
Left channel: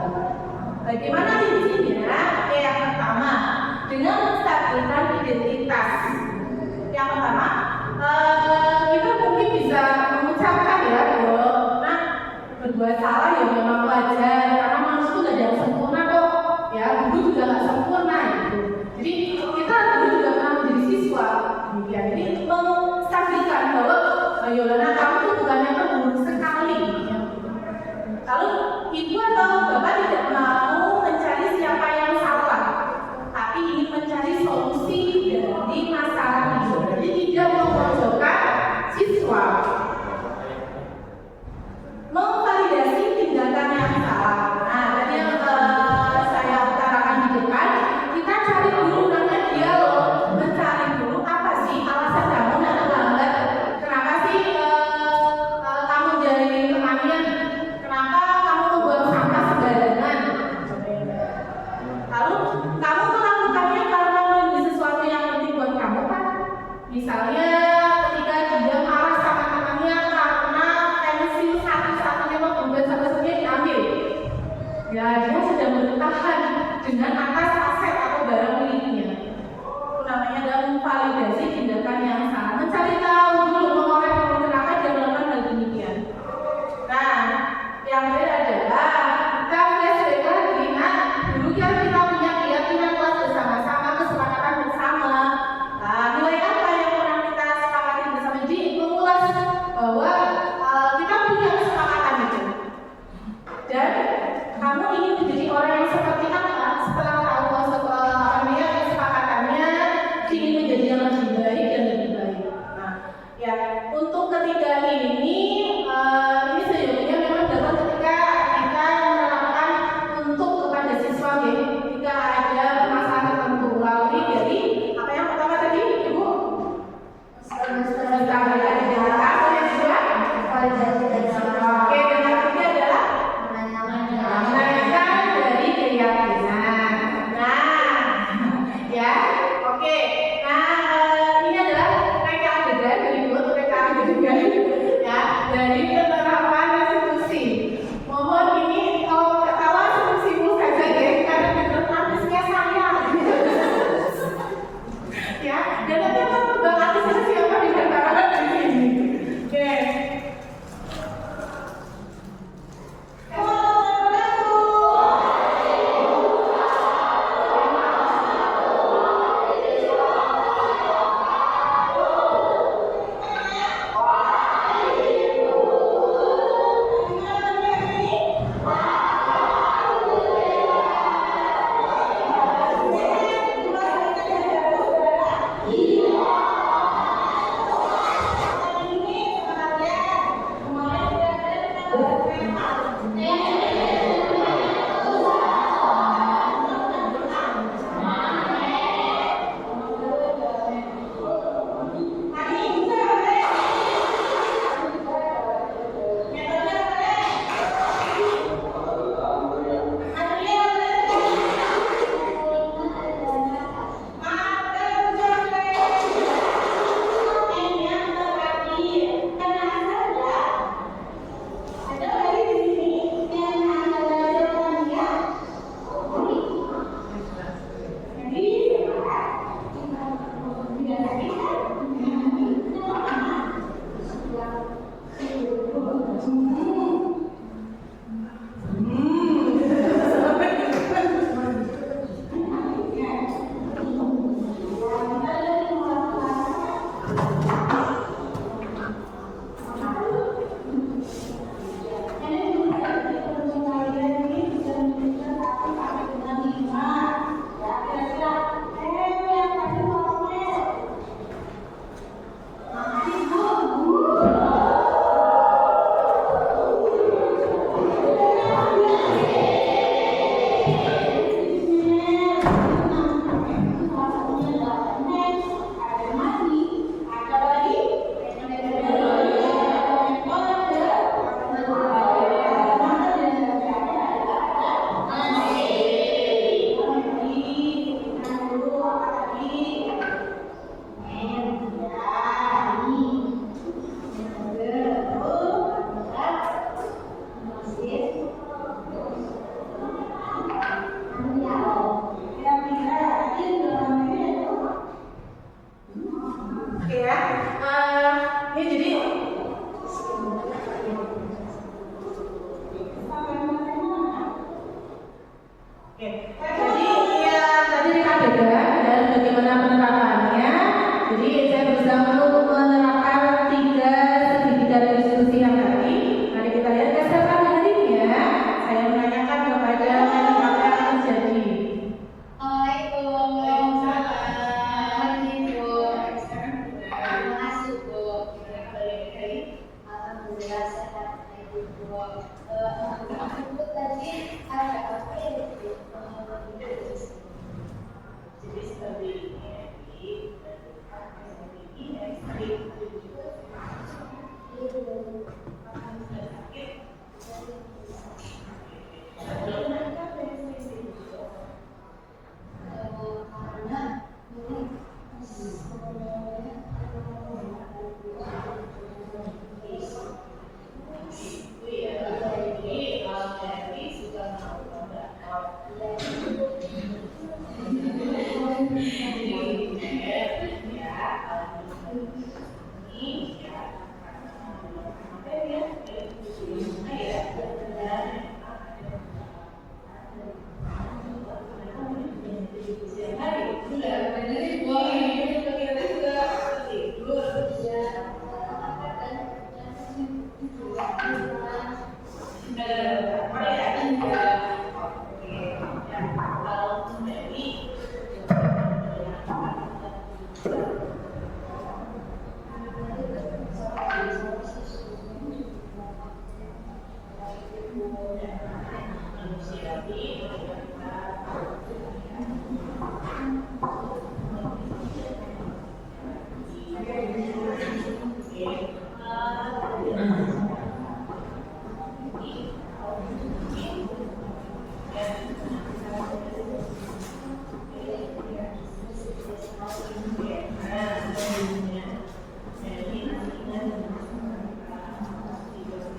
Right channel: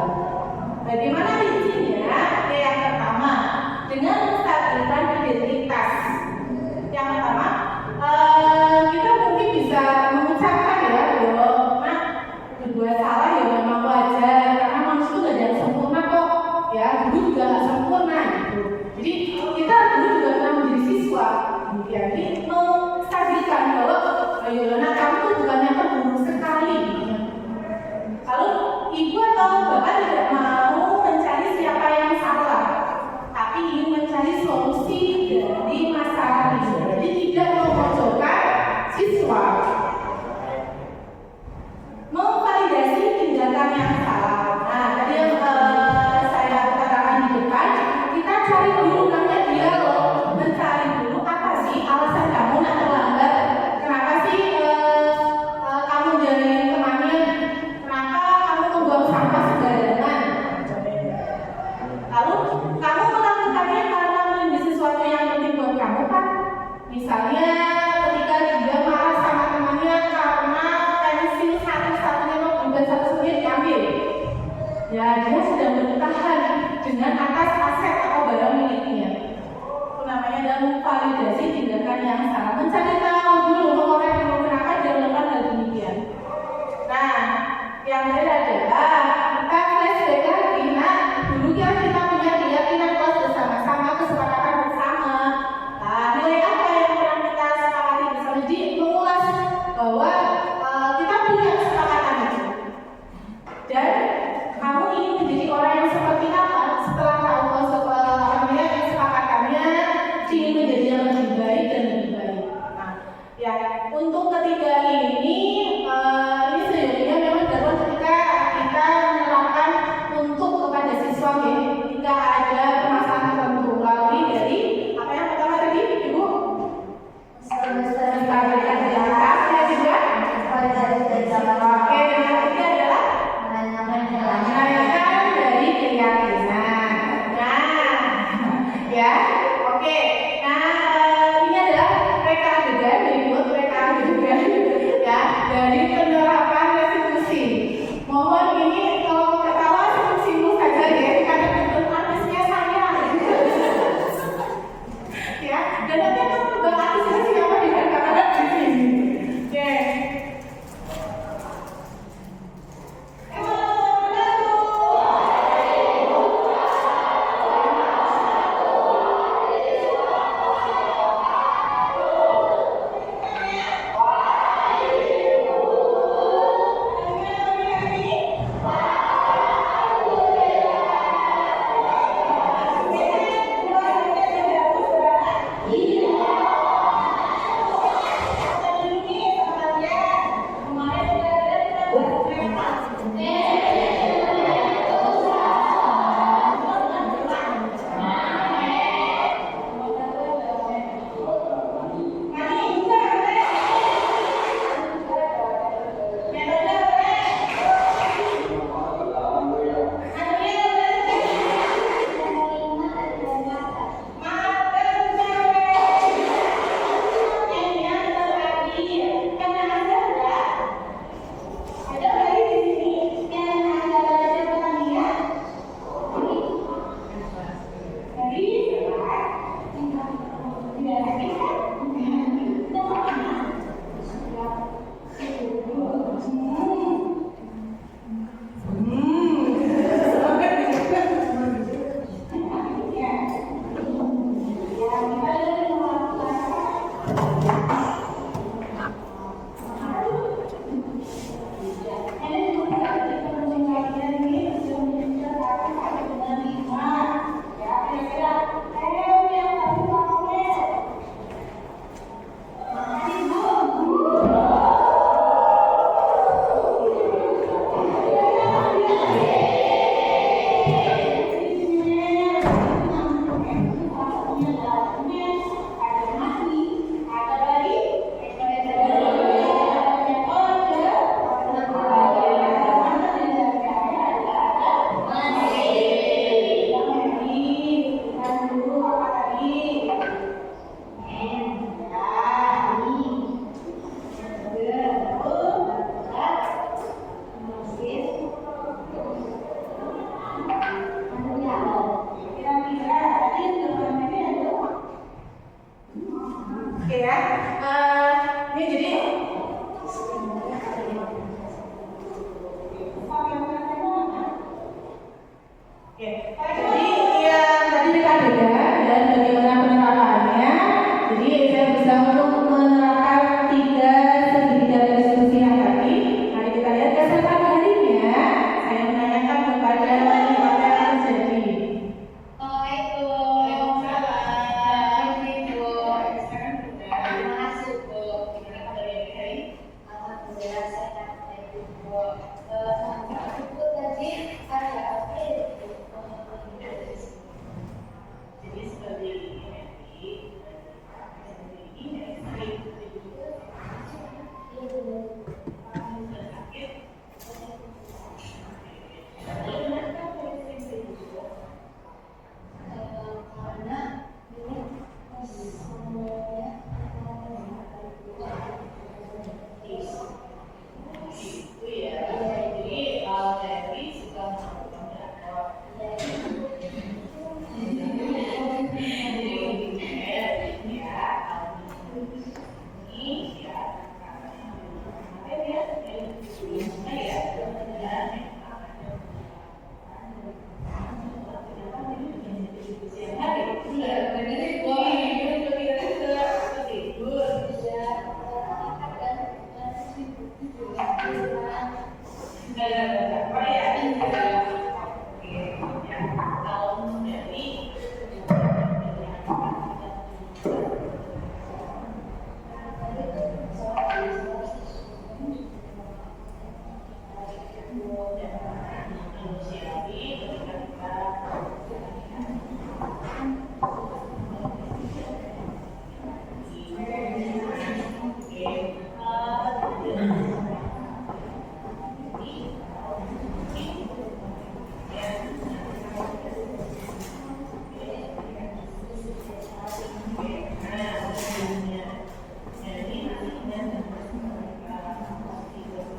Bagaimana visinya? Oke, yang pertama dengan menstabilkan identitas. Yang pertama kita mungkin bisa mengucapkan ya bahwa nah berbuat salah ya memang wajar karena manusia itu gak ada yang sempurna kok ya, dulu juga gak sempurna gitu. Jadi kita dulu juga pernah menjadi siswa kemudian jadi menstabilkan bahwa Yolana kamu tuh bukannya buruk sekali. Lalu ibu atau bapak tidak mau mencari siapa yang salah, tapi ingin mencari solusi dari masalah itu. Jadi tidak memojokkan siswa. Memvalidasi tindakan yang salah. Nah, tadi yang saya utarakan di depan, kita cari dulu namanya dialog, mencari dulu apa sih alasan kamu yang terlambat. Kenapa sih kamu jadi temannya? Kenapa kamu membuang sampah sembarangan? Lalu kamu melakukannya karena menjadi sesuatu yang penting buat kamu kan? Misalnya ketika dia marah sama dia sedang bertahan dengan atas aset atau barang miliknya. Itu namanya adalah memvalidasi tindakan yang salah. Mencari tahu dulu, mengorek menggunakan dan melakukan hal demikian. Nah, yang terakhir adalah kita flashback lagi. Nah, dulu kan kita punya keyakinan kelas bersama-sama, kesepakatan bersama. Nah, nilai apa yang pernah kita sepakati bersama? Jadi mengulas bahwa kita punya kesepakatan itu. Dan kamu ingin menjadi orang yang seperti apa setelah tahu kesepakatannya, ingin menjadi yang lebih baik dan lebih baik. Nah, ya untuk ketiga ini sejujurnya memang dapat ketika kita menerapkan untuk kepada siswa ya, jika ada permasalahan tertentu melalui dari apa yang pertama tadi Ibu? Menstabilkan data yang juga oke, dan yang ketiga adalah menanyakan dari keyakinan. Nah, ya, oke. Nah, ini adalah reka adegan berikut reka adegan ya dari penerapan restitusi. Mohon ini kalau ketawa restitusimu saja ya, karena bukan artisnya saya. Ya, dan nanti akan berbang artisnya siapa di antara di sini. Oke. Oke ya, ini jadi oke, jadi yang tadi dikatakan dan bagaimana penerapannya. Jadi saya berusaha untuk menerapkan tiga segitiga restitusi yang tadi. Mari kita lihat keseruan harinya. Saya menanyakan kepada apa yang terjadi.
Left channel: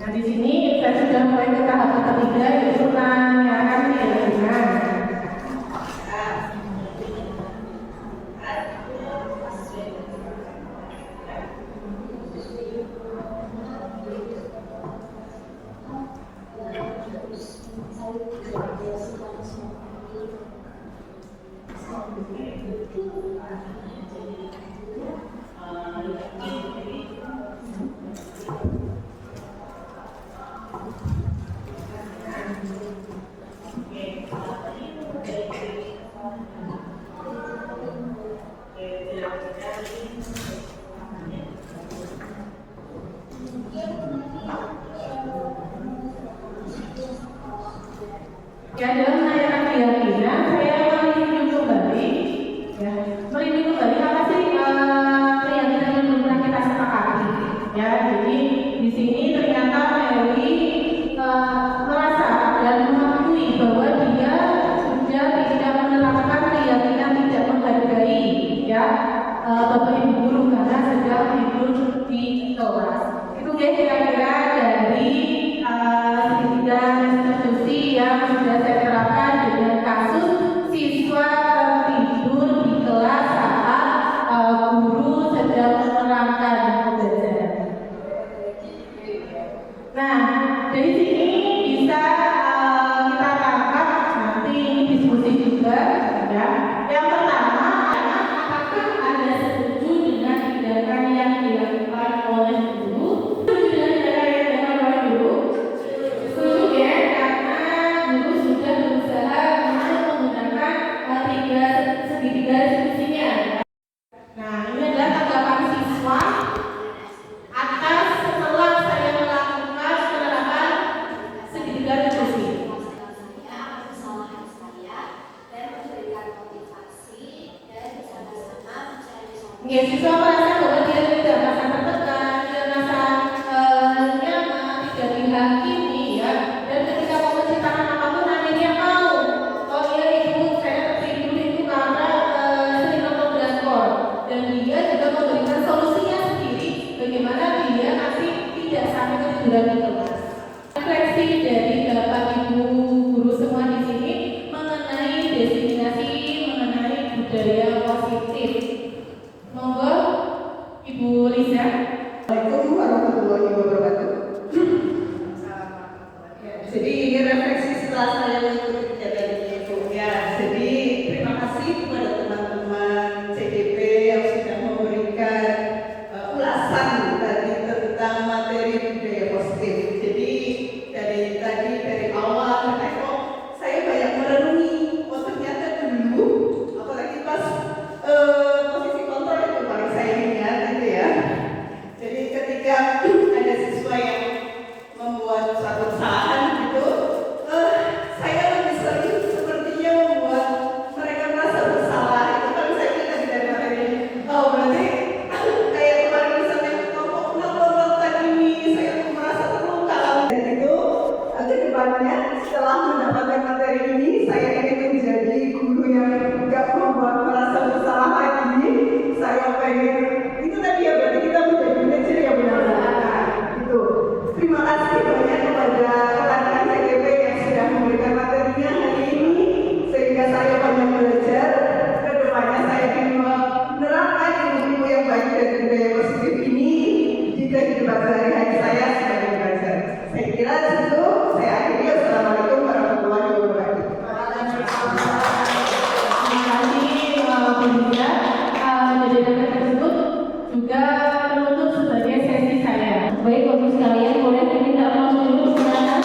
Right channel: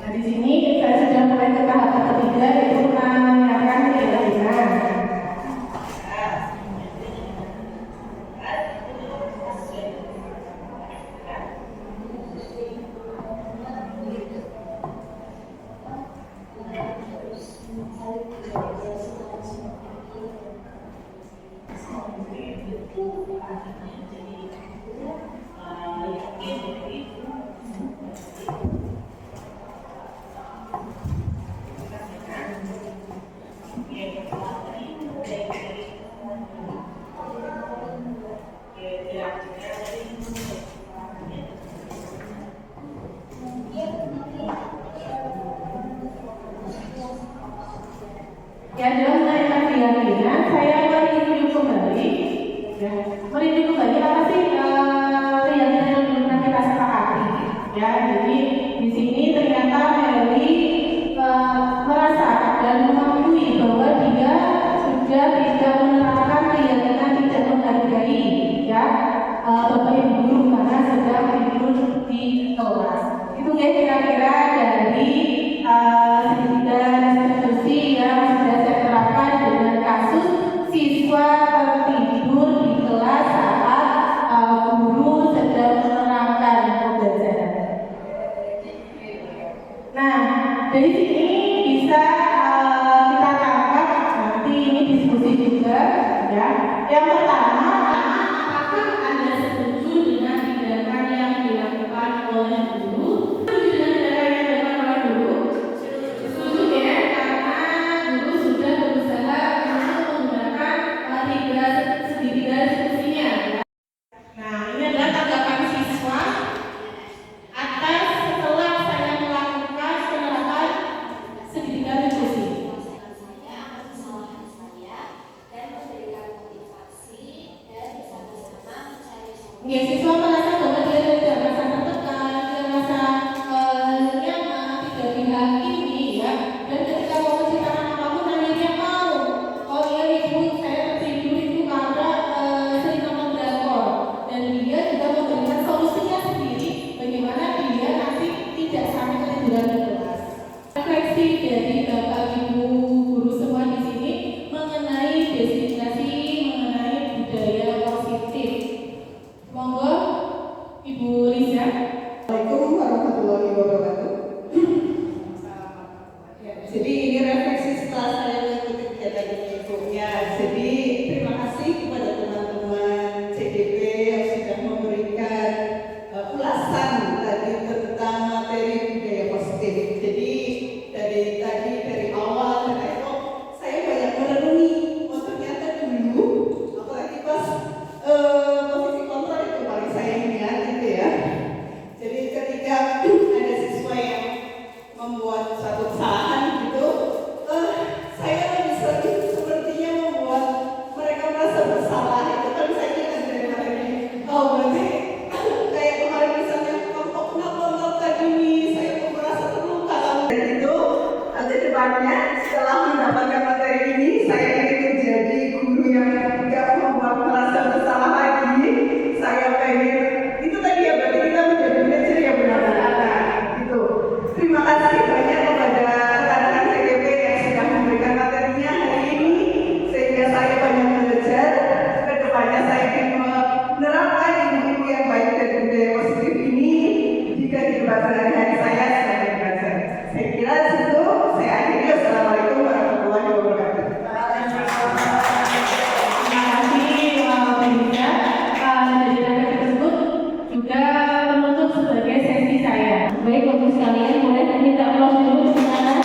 Nah, di sini saya sudah mulai ke tahap ketiga, yaitu menyiapkan keyakinan. Ya, dalam menanyakan keyakinan, saya mereview kembali, ya, mereview kembali apa sih keyakinan yang belum pernah kita sepakati, ya. Jadi di sini ternyata Mary merasa dan mengakui bahwa dia sudah tidak menerapkan keyakinan tidak menghargai, ya, Bapak Ibu guru karena sedang tidur di kelas. Itu ya kira-kira dari segitiga institusi yang sudah saya terapkan dengan kasus siswa tertidur di kelas saat guru sedang menerangkan pembelajaran. Nah, dari sini bisa kita tangkap nanti ini diskusi juga, ya. Yang pertama, apakah Anda setuju dengan tindakan yang dilakukan oleh guru? Setuju dengan tindakan yang dilakukan oleh guru? Setuju ya, karena guru sudah berusaha untuk menggunakan segitiga diskusinya. Nah, ini adalah tanggapan siswa atas setelah saya melakukan penerapan segitiga diskusi. Ya, siswa merasa bahwa dia tidak merasa tertekan, dia merasa nyaman, tidak dihakimi, ya. Dan ketika mau menceritakan apapun, akhirnya mau. Oh iya ibu, saya tertidur itu karena sering nonton drakor. Dan dia juga memberikan solusinya sendiri, bagaimana dia nanti tidak sampai ketiduran di kelas. Refleksi dari Bapak Ibu guru semua di sini mengenai diskriminasi, mengenai budaya positif. Monggo Ibu Lisa. Assalamualaikum warahmatullahi wabarakatuh. Jadi ini refleksi setelah saya mengikuti kegiatan ini, Bu. Ya, jadi terima kasih kepada teman-teman CDP yang sudah memberikan ulasan tadi tentang materi budaya positif. Jadi dari awal saya banyak merenungi. Oh ternyata dulu, apalagi pas posisi kontrol itu paling saya ingat gitu ya. Jadi ketika ada siswa yang membuat suatu kesalahan gitu, saya lebih sering sepertinya membuat mereka merasa bersalah. Itu kan saya ingat dari materi. Oh berarti kayak kemarin misalnya kamu kenapa melakukan ini, saya merasa terluka. Dan itu ke depannya setelah mendapatkan materi ini, saya ingin menjadi guru yang nggak membuat merasa bersalah lagi. Saya pengen itu tadi ya, berarti kita menjadi manajer yang benar-benar itu. Terima kasih banyak kepada rekan-rekan CGP yang sudah memberikan materinya hari ini, sehingga saya banyak belajar. Kedepannya saya ingin menerapkan ilmu yang baik dari budaya positif ini di kehidupan sehari-hari saya sebagai belajar. Saya kira itu saya akhiri. Assalamualaikum warahmatullahi wabarakatuh. Terima kasih Bapak Ibu. Dari data tersebut juga menutup sebagai sesi saya. Baik, Bapak sekalian, boleh diminta aplaus dulu sebenarnya.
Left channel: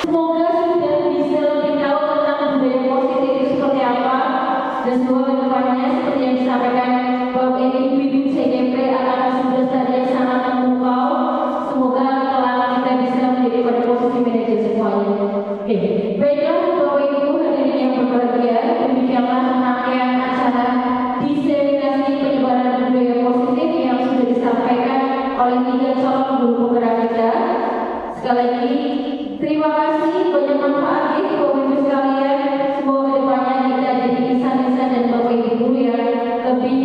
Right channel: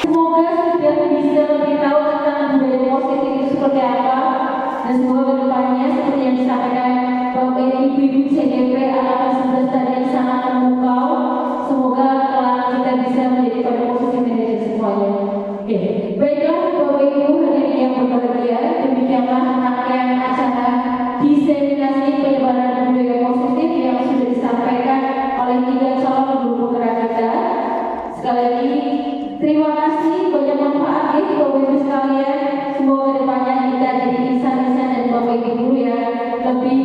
Semoga sudah bisa lebih tahu tentang budaya positif itu seperti apa, dan semoga kedepannya seperti yang disampaikan Bapak Ibu CGP angkatan 11 tadi yang sangat memukau. Semoga kelak kita bisa menjadi pada posisi manajer semuanya. Baiklah Bapak Ibu hadirin yang berbahagia, demikianlah rangkaian acara diseminasi penyebaran budaya positif yang sudah disampaikan oleh 3 calon guru penggerak kita. Sekali lagi terima kasih, banyak manfaat ya Bapak Ibu sekalian. Semoga kedepannya kita jadi insan-insan dan Bapak Ibu guru yang lebih